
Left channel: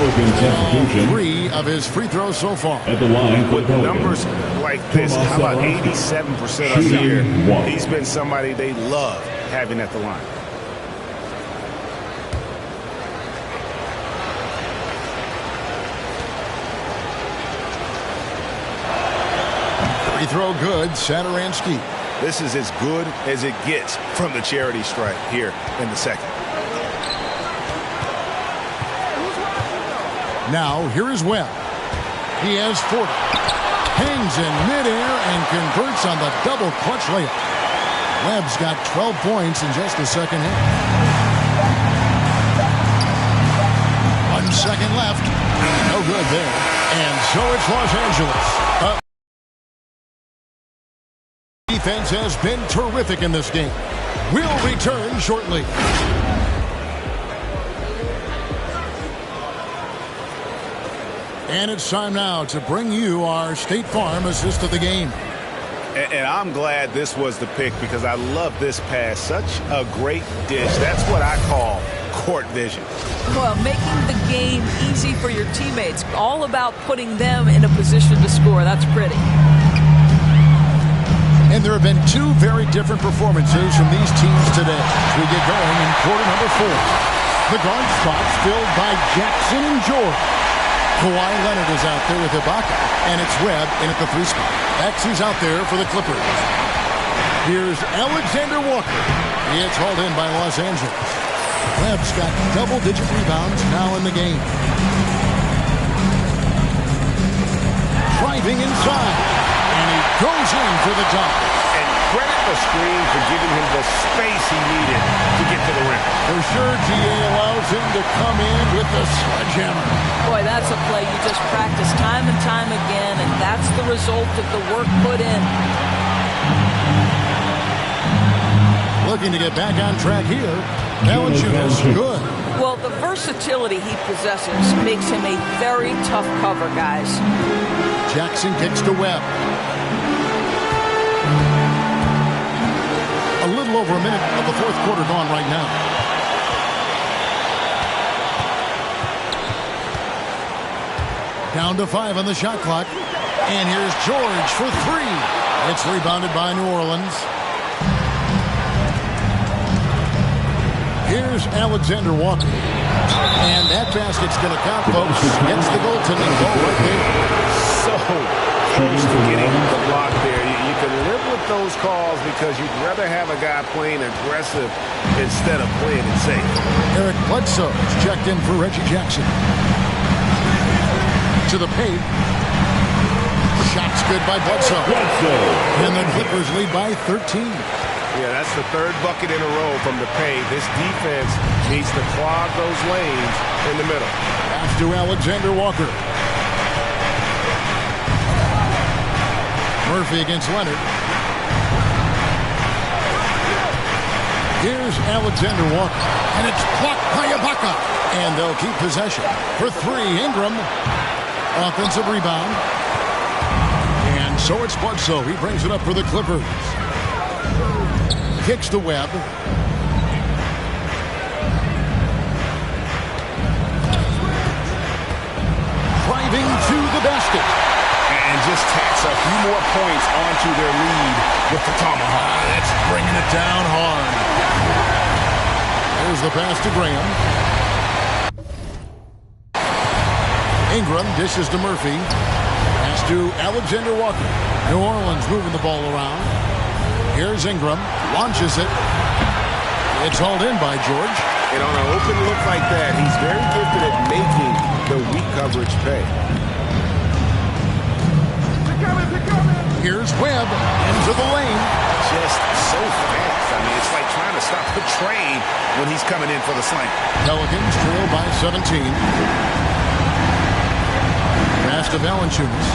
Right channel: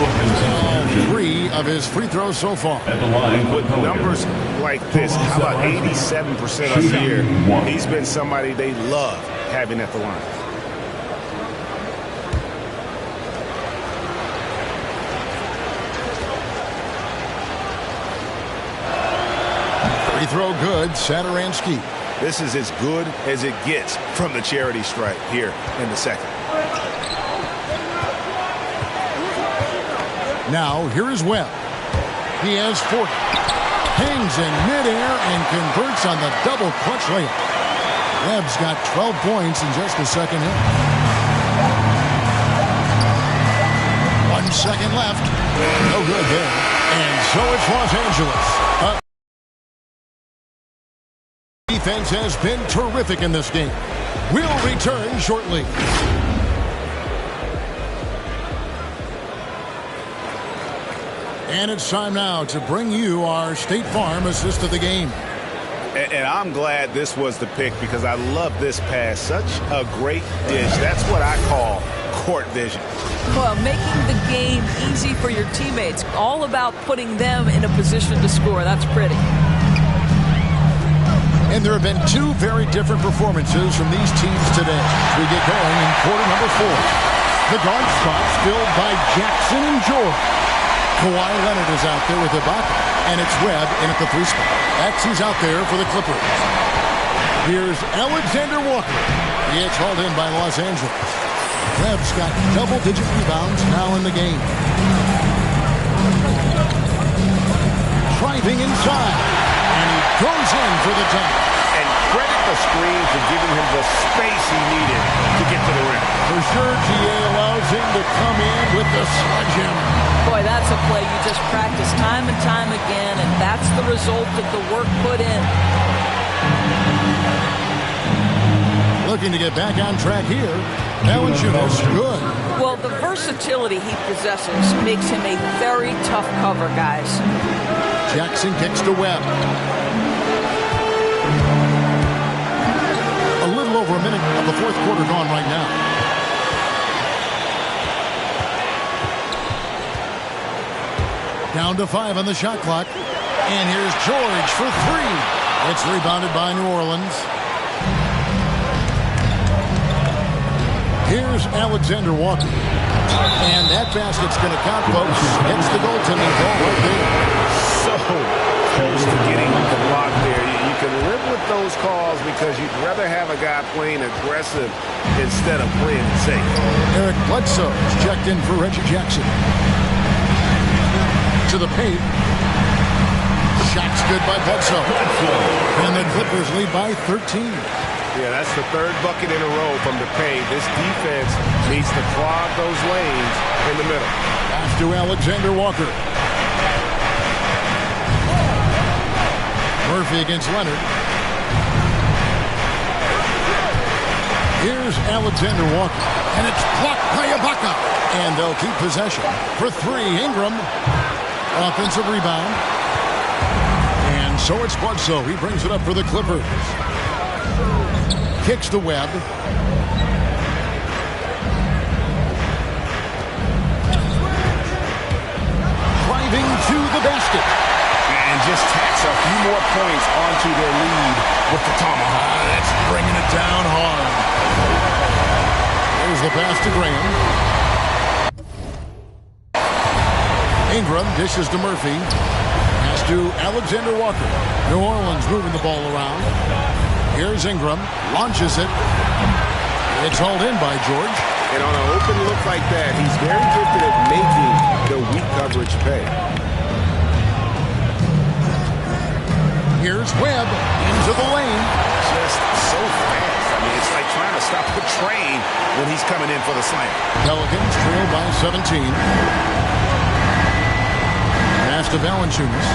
All 3 of his free throws so far. At the line, with numbers like this, how about 87% of the year? He's been somebody they love having at the line. Free throw good, Satoransky. This is as good as it gets from the charity stripe here in the second. Now, here is Webb. He has 40. Hangs in midair and converts on the double clutch layup. Webb's got 12 points in just the second half. 1 second left. No good there. And so it's Los Angeles. Defense has been terrific in this game. We'll return shortly. And it's time now to bring you our State Farm assist of the game. And I'm glad this was the pick because I love this pass. Such a great dish. That's what I call court vision. Well, making the game easy for your teammates. All about putting them in a position to score. That's pretty. And there have been 2 very different performances from these teams today as we get going in quarter number 4. The guard spots filled by Jackson and George. Kawhi Leonard is out there with Ibaka, and it's Webb in at the 3 spot. That's who's out there for the Clippers. Here's Alexander Walker. It's hauled in by Los Angeles. Webb's got double-digit rebounds now in the game. Driving inside. And he goes in for the dunk. And credit the screen for giving him the space he needed to get to the rim. For sure, GA allows him to come in with the sledgehammer. Boy, that's a play you just practice time and time again, and that's the result of the work put in. Looking to get back on track here. Valanciunas, good. Well, the versatility he possesses makes him a very tough cover, guys. Jackson kicks to Webb. A little over a minute of the 4th quarter gone right now. Down to 5 on the shot clock. And here's George for 3. It's rebounded by New Orleans. Here's Alexander Walker. And that basket's going to count, folks. Gets the goaltending goal right there. So close to getting the block there. You can live with those calls because you'd rather have a guy playing aggressive instead of playing it safe. Eric Bledsoe is checked in for Reggie Jackson. To the paint. Shot's good by Bledsoe. And the Clippers lead by 13. Yeah, that's the 3rd bucket in a row from the paint. This defense needs to clog those lanes in the middle. Pass to Alexander Walker. Murphy against Leonard. Here's Alexander Walker. And it's blocked by Ibaka. And they'll keep possession. For 3, Ingram. Offensive rebound. And so it's Bledsoe. He brings it up for the Clippers. Kicks to Webb. Driving to the basket. and just tacks a few more points onto their lead with the tomahawk. That's bringing it down hard. There's the pass to Graham. Ingram dishes to Murphy. Pass to Alexander Walker. New Orleans moving the ball around. Here's Ingram. Launches it. It's hauled in by George. And on an open look like that, he's very gifted at making the weak coverage pay. Here's Webb into the lane. Just so fast. I mean, it's like trying to stop a train when he's coming in for the slam. Pelicans trail by 17. Pass to Valanciunas.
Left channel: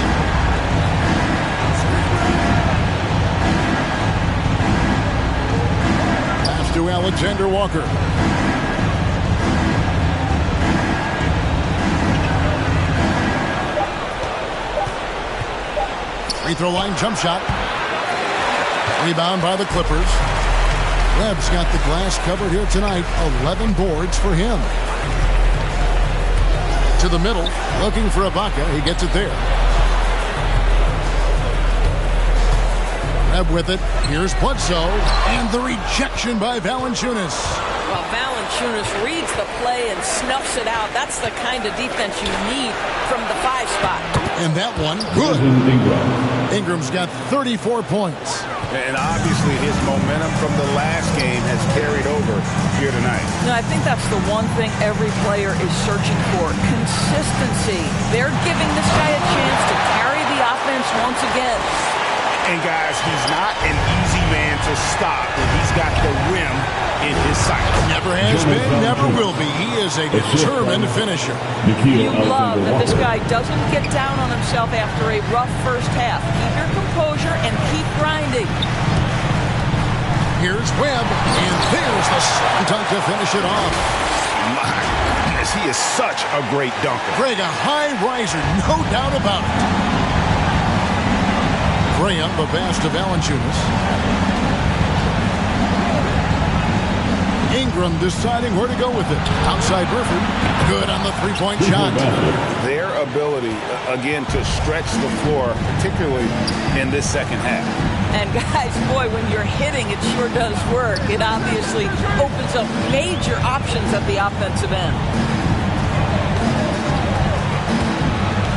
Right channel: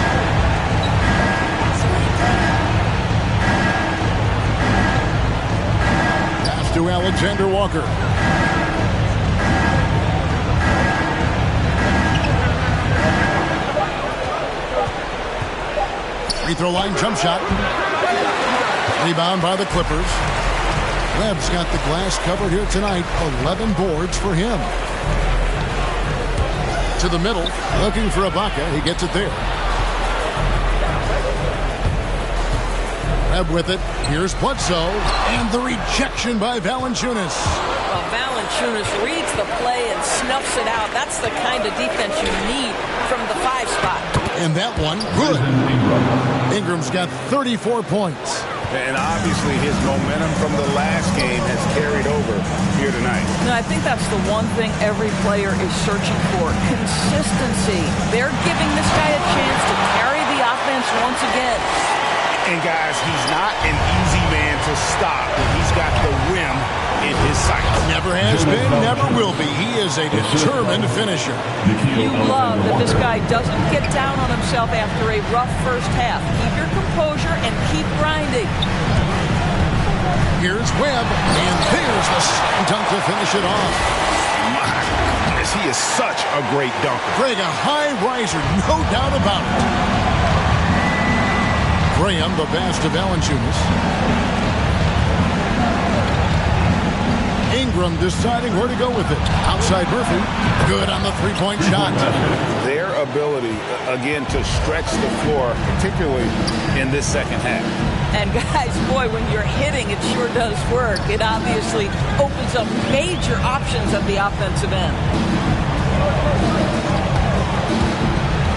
Pass to Alexander Walker. Free throw line jump shot. Rebound by the Clippers. Webb's got the glass covered here tonight. 11 boards for him. To the middle, looking for Ibaka. He gets it there. Webb with it. Here's Bledsoe. And the rejection by Valanciunas. Well, Valanciunas reads the play and snuffs it out. That's the kind of defense you need from the 5 spot. And that one, good. Ingram's got 34 points. And obviously his momentum from the last game has carried over here tonight. No, I think that's the one thing every player is searching for. Consistency. They're giving this guy a chance to carry the offense once again. And guys, he's not an easy man to stop when he's got the rim in his sights. Never has been, never will be. He is a determined finisher. You love that this guy doesn't get down on himself after a rough first half. Keep your composure and keep grinding. Here's Webb, and there's the slam dunk to finish it off. My goodness, he is such a great dunker. Greg, a high riser, no doubt about it. Graham, the pass to Valanciunas. Ingram deciding where to go with it. Outside Murphy. Good on the three-point shot. Their ability, again, to stretch the floor, particularly in this second half. And guys, boy, when you're hitting, it sure does work. It obviously opens up major options at the offensive end.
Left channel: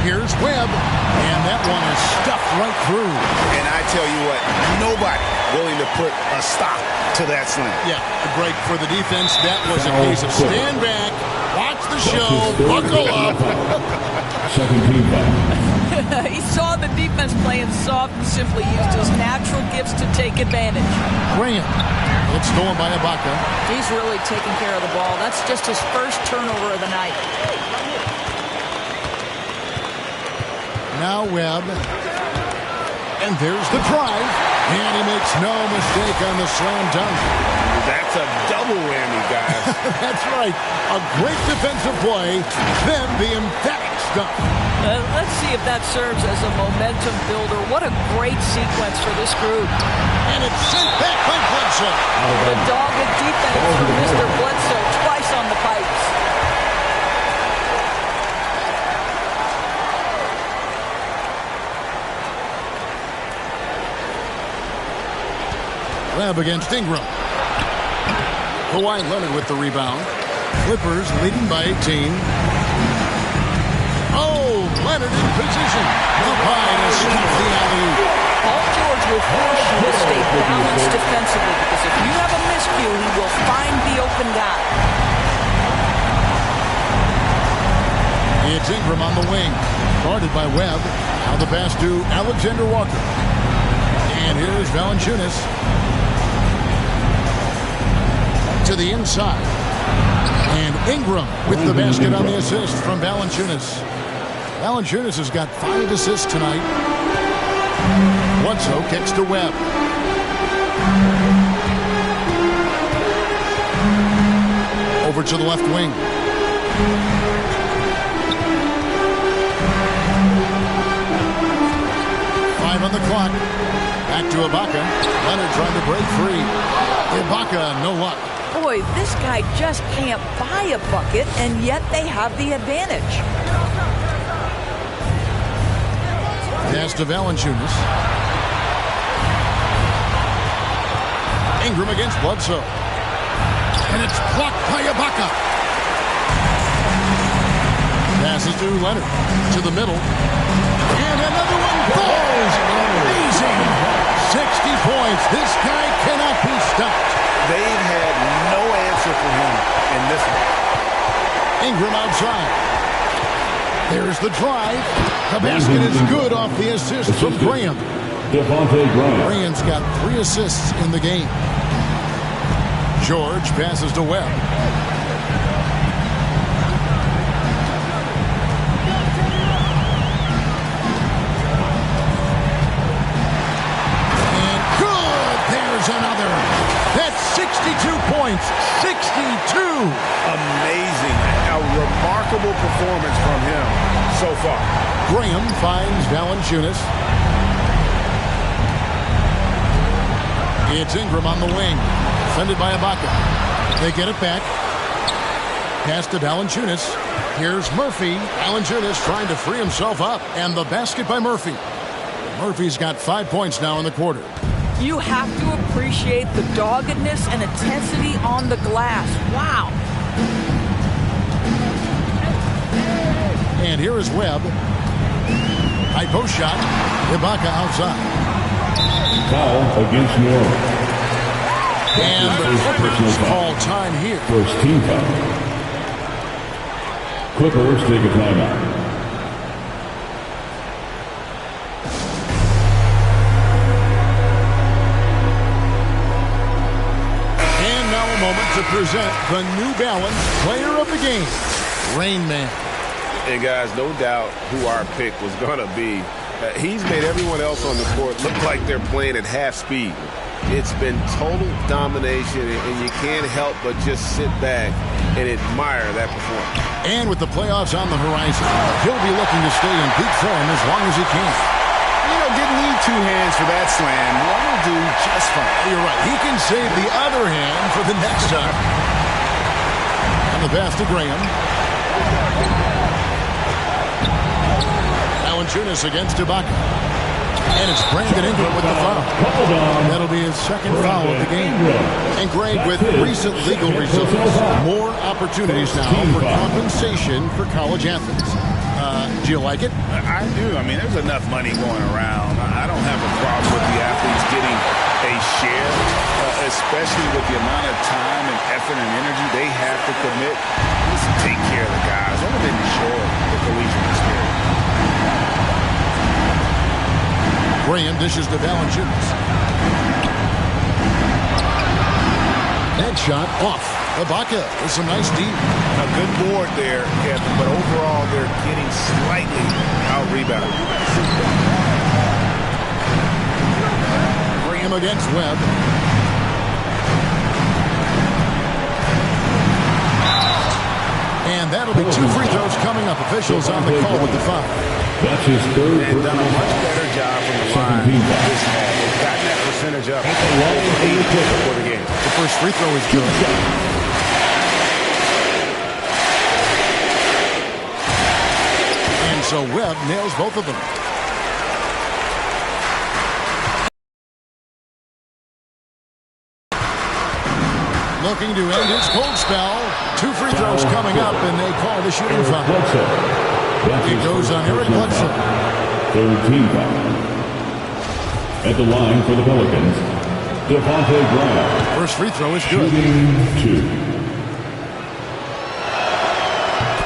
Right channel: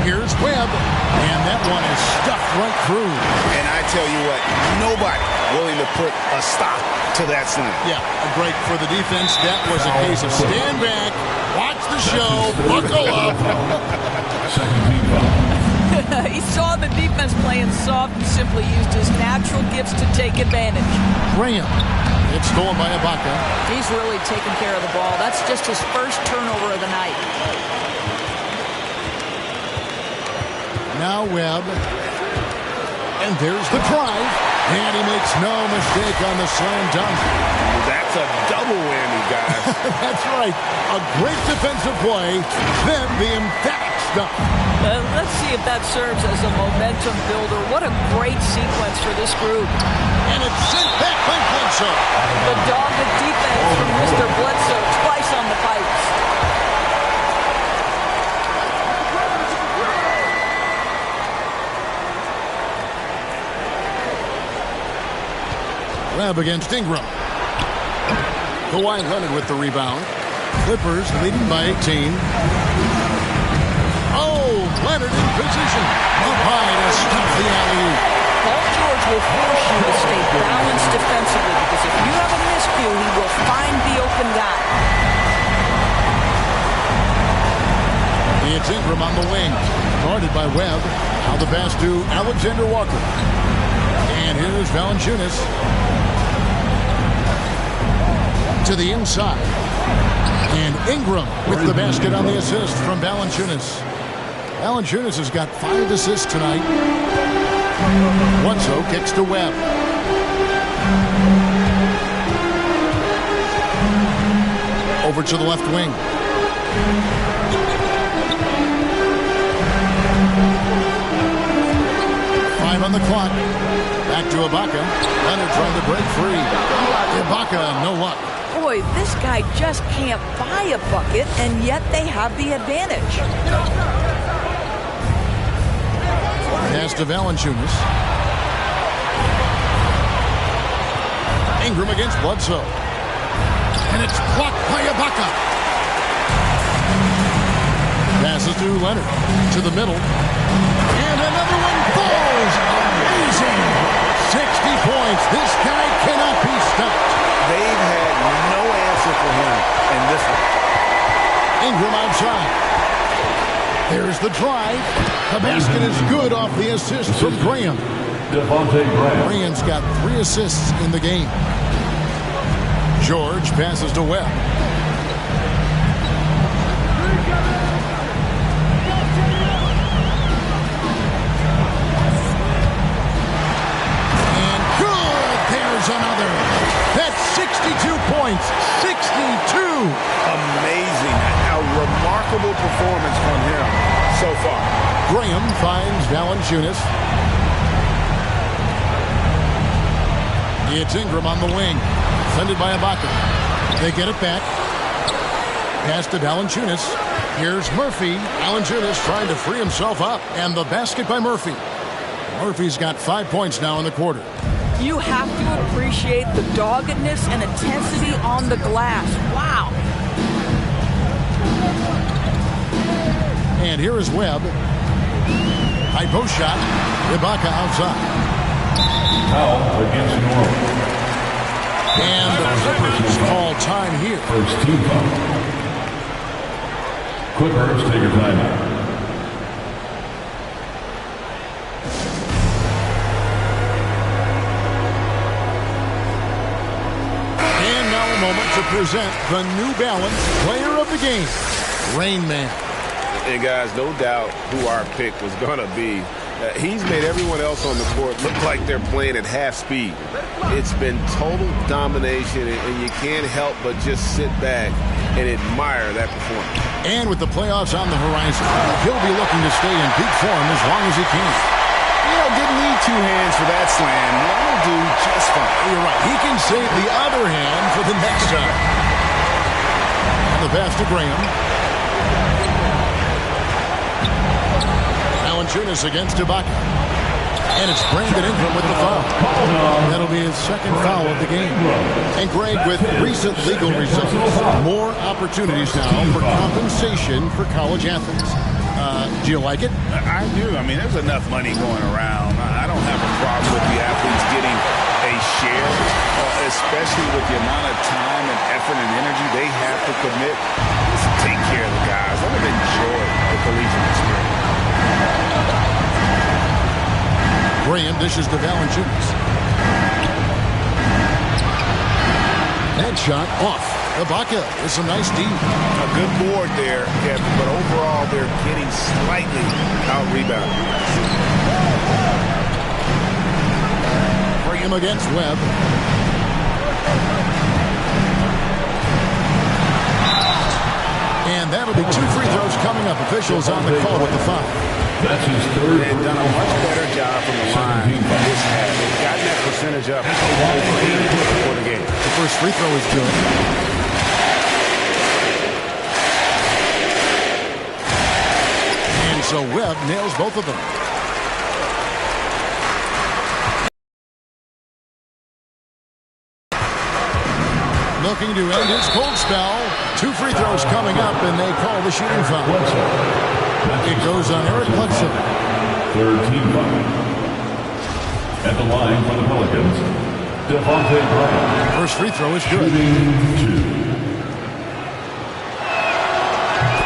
Here's Webb, and that one is stuffed right through. And I tell you what, nobody willing to put a stop to that slam. Yeah, Greg, for the defense, that was a case of stand back, watch the show, buckle up. Second team foul. He saw the defense playing soft and simply used his natural gifts to take advantage. Graham, it's stolen by Ibaka. He's really taking care of the ball. That's just his first turnover of the night. Now Webb, and there's the drive, and he makes no mistake on the slam dunk. That's a double whammy, guys. That's right. A great defensive play, then the emphatic stuff. Let's see if that serves as a momentum builder. What a great sequence for this group. And it's sent back by Bledsoe. The dogged defense from Mr. Bledsoe, twice on the pipes. Webb against Ingram. Kawhi Leonard with the rebound. Clippers leading by 18. Oh, Leonard in position. Up high to stop the alley-oop. Paul George will force you to stay balanced defensively because if you have a miscue, he will find the open guy. It's Ingram on the wing. Guarded by Webb. Now the pass to Alexander Walker. And here's Valanciunas. To the inside. And Ingram with the basket on the assist from Valanciunas. Valanciunas has got 5 assists tonight. Bledsoe kicks to Webb. Over to the left wing. Five on the clock. Back to Ibaka. Leonard trying to break free. Ibaka, no luck. Boy, this guy just can't buy a bucket, and yet they have the advantage. Pass to Valanciunas. Ingram against Bledsoe. And it's blocked by Ibaka. Passes to Leonard. To the middle. And another one falls. Amazing. 60 points. This guy cannot be stopped. They've had no answer for him in this one. Ingram outside. There's the drive. The basket is good off the assist from Graham. Devontae Graham. Graham's got 3 assists in the game. George passes to Webb. And good. There's another. That's 62 points. 62. Amazing. A remarkable performance from him so far. Graham finds Valanciunas. It's Ingram on the wing. Defended by Ibaka. They get it back. Pass to Valanciunas. Here's Murphy. Valanciunas trying to free himself up. And the basket by Murphy. Murphy's got 5 points now in the quarter. You have to appreciate the doggedness and intensity on the glass. Wow. And here is Webb. High post shot. Ibaka outside. Foul against New Orleans. And the Clippers call time here. First team foul. Clippers take a timeout. And now a moment to present the New Balance Player of the Game, Rain Man. And guys, no doubt who our pick was going to be. He's made everyone else on the court look like they're playing at half speed. It's been total domination, and you can't help but just sit back and admire that performance. And with the playoffs on the horizon, he'll be looking to stay in peak form as long as he can. You know, didn't need 2 hands for that slam. One will do just fine. You're right. He can save the other hand for the next time. And the pass to Graham. Valanciunas against Ibaka. And it's Brandon Ingram with the foul. That'll be his second foul of the game. And Greg, with recent legal results, more opportunities now for compensation for college athletes. Do you like it? I do. I mean, there's enough money going around. I don't have a problem with the athletes getting a share, especially with the amount of time and effort and energy they have to commit. Let's take care of the guys. Let them enjoy the collegiate experience. Graham dishes to Valanciunas. That shot off. Ibaka with some nice D. A good board there, Kevin, but overall they're getting slightly out-rebounded. Graham against Webb. And that'll be 2 free throws coming up. Officials on the call with the foul. That's his third. They've done a much better job from the line this half. They've gotten that percentage up over 80 for the game. The first free throw is good. And so Webb nails both of them. Looking to end his cold spell. 2 free throws coming up, and they call the shooting foul. It goes on Eric Bledsoe. Third team foul. At the line for the Pelicans, Devontae Graham. First free throw is good. Shooting 2.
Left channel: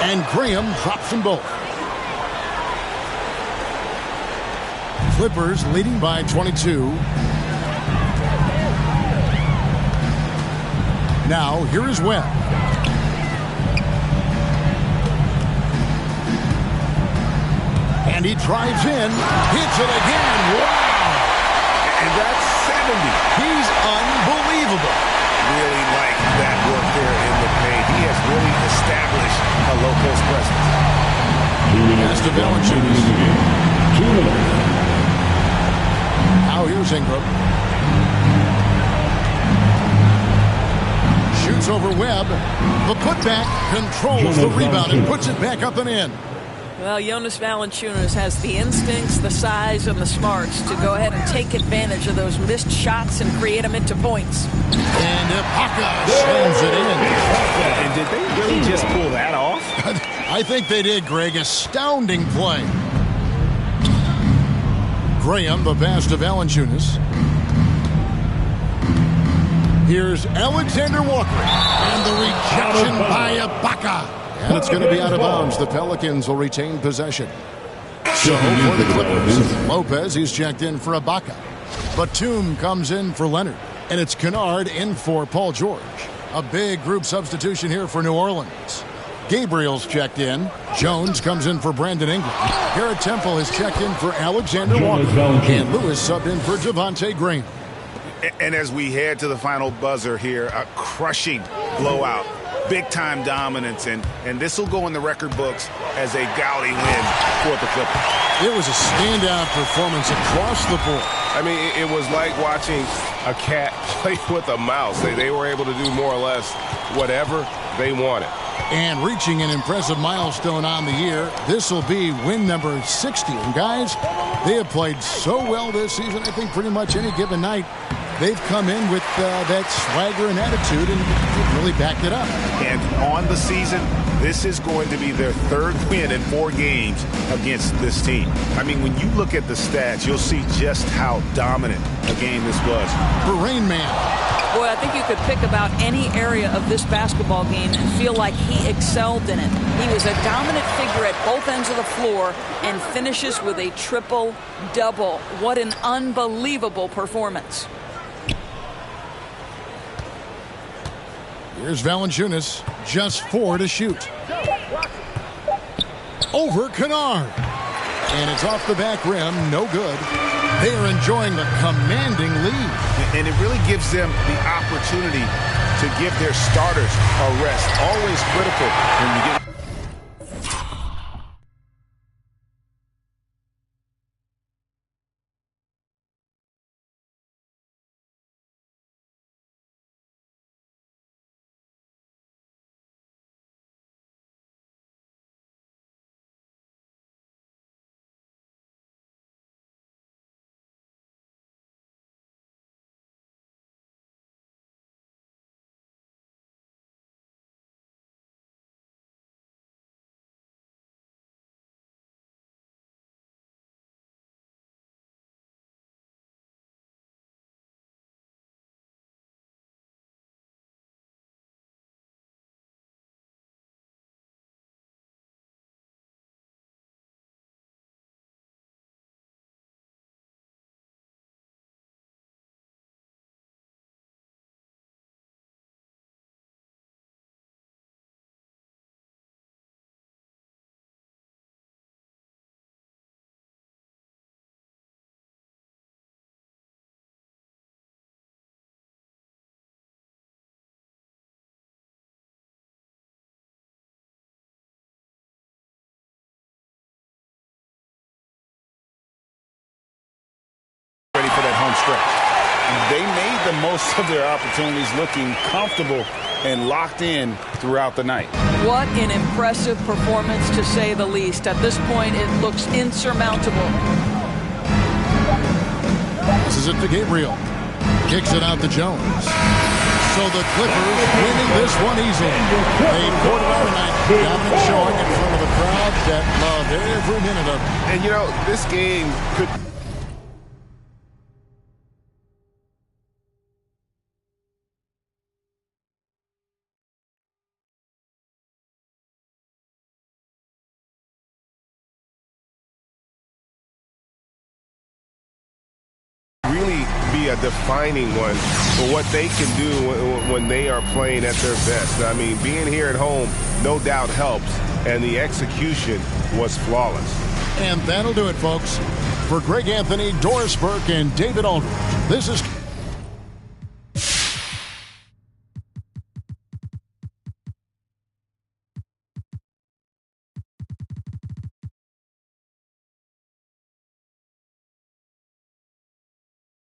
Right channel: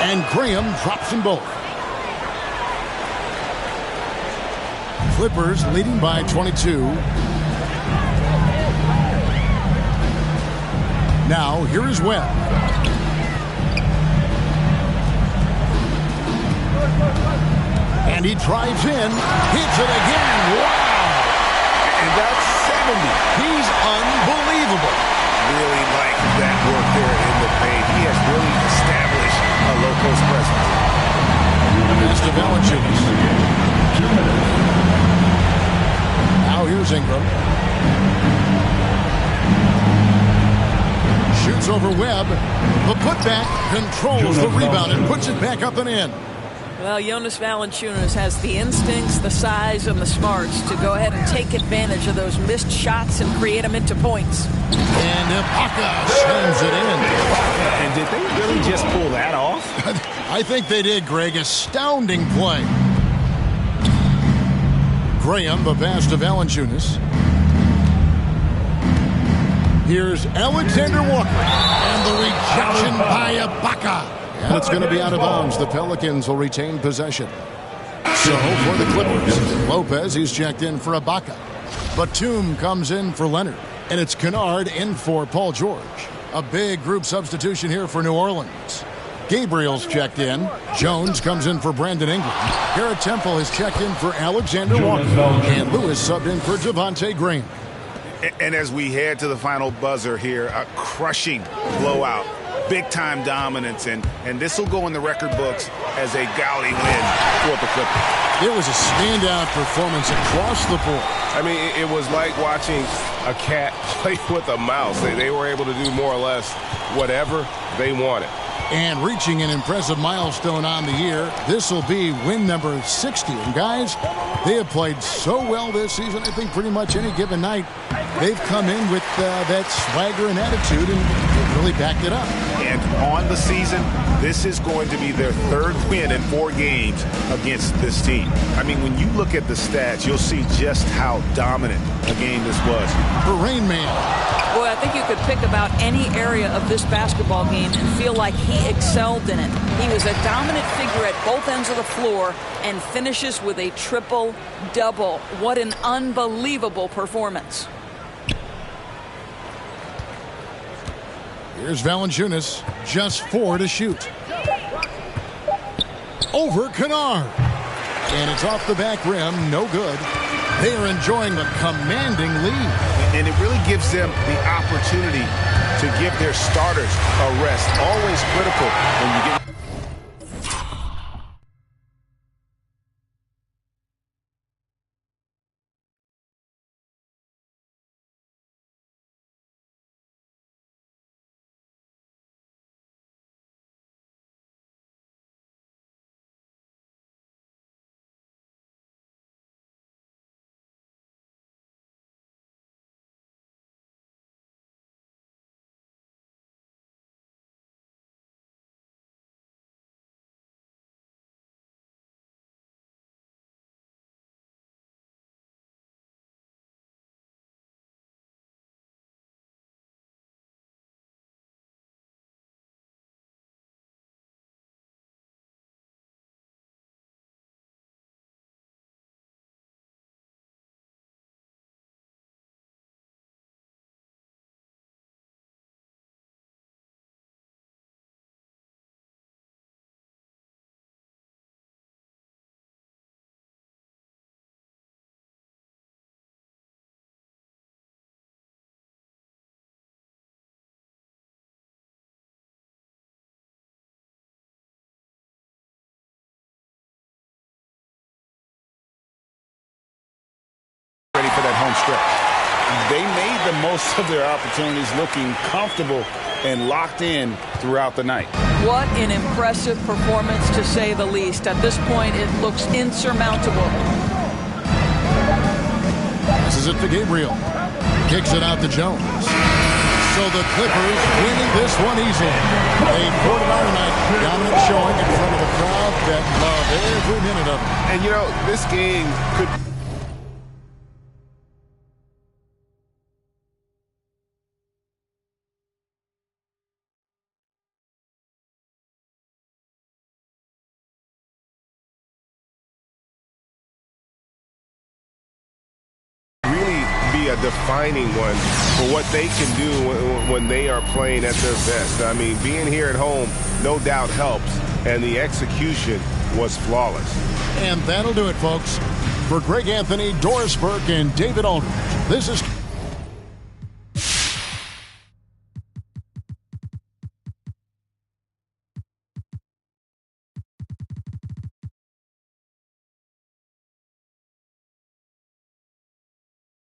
And Graham drops them both. Clippers leading by 22. Now, here is Webb. And he drives in, hits it again. Wow! And that's 70. He's unbelievable. Really like that work there in the paint. He has really established a low-post presence. Pass to Valanciunas. 2 minutes. Now here's Ingram. Shoots over Webb. The putback controls the rebound and puts it back up and in. Well, Jonas Valanciunas has the instincts, the size, and the smarts to go ahead and take advantage of those missed shots and create them into points. And Ibaka slams it in. And did they really just pull that off? I think they did, Greg. Astounding play. Graham, the pass to Valanciunas. Here's Alexander Walker. And the rejection by Ibaka. And it's going to be out of bounds. The Pelicans will retain possession. So for the Clippers, Lopez, he's checked in for Ibaka. Batum comes in for Leonard. And it's Kennard in for Paul George. A big group substitution here for New Orleans. Gabriel's checked in. Jones comes in for Brandon Ingram. Garrett Temple has checked in for Alexander Walker. And Lewis subbed in for Javonte Graham. And as we head to the final buzzer here, a crushing blowout. Big-time dominance, and this will go in the record books as a gaudy win for the Clippers. It was a standout performance across the board. I mean, it was like watching a cat play with a mouse. They were able to do more or less whatever they wanted. And reaching an impressive milestone on the year, this will be win number 60. And guys, they have played so well this season, I think pretty much any given night, they've come in with that swagger and attitude, and they've really backed it up. And on the season, this is going to be their third win in 4 games against this team. I mean, when you look at the stats, you'll see just how dominant a game this was. For Rain Man. Boy, I think you could pick about any area of this basketball game and feel like he excelled in it. He was a dominant figure at both ends of the floor and finishes with a triple-double. What an unbelievable performance. Here's Valanciunas, just 4 to shoot. Over Kennard. And it's off the back rim, no good. They are enjoying a commanding lead. And it really gives them the opportunity to give their starters a rest. Always critical when you get... ready for that home stretch. They made the most of their opportunities, looking comfortable and locked in throughout the night. What an impressive performance, to say the least. At this point, it looks insurmountable. This is it to Gabriel. Kicks it out to Jones. So the Clippers winning this one easily. They poured it on tonight. Dominant showing in front of a crowd that loved every minute of it. And, you know, this game could... really be a defining one for what they can do when they are playing at their best. I mean, being here at home no doubt helps, and the execution was flawless. And that'll do it, folks. For Greg Anthony, Doris Burke, and David Aldridge, this is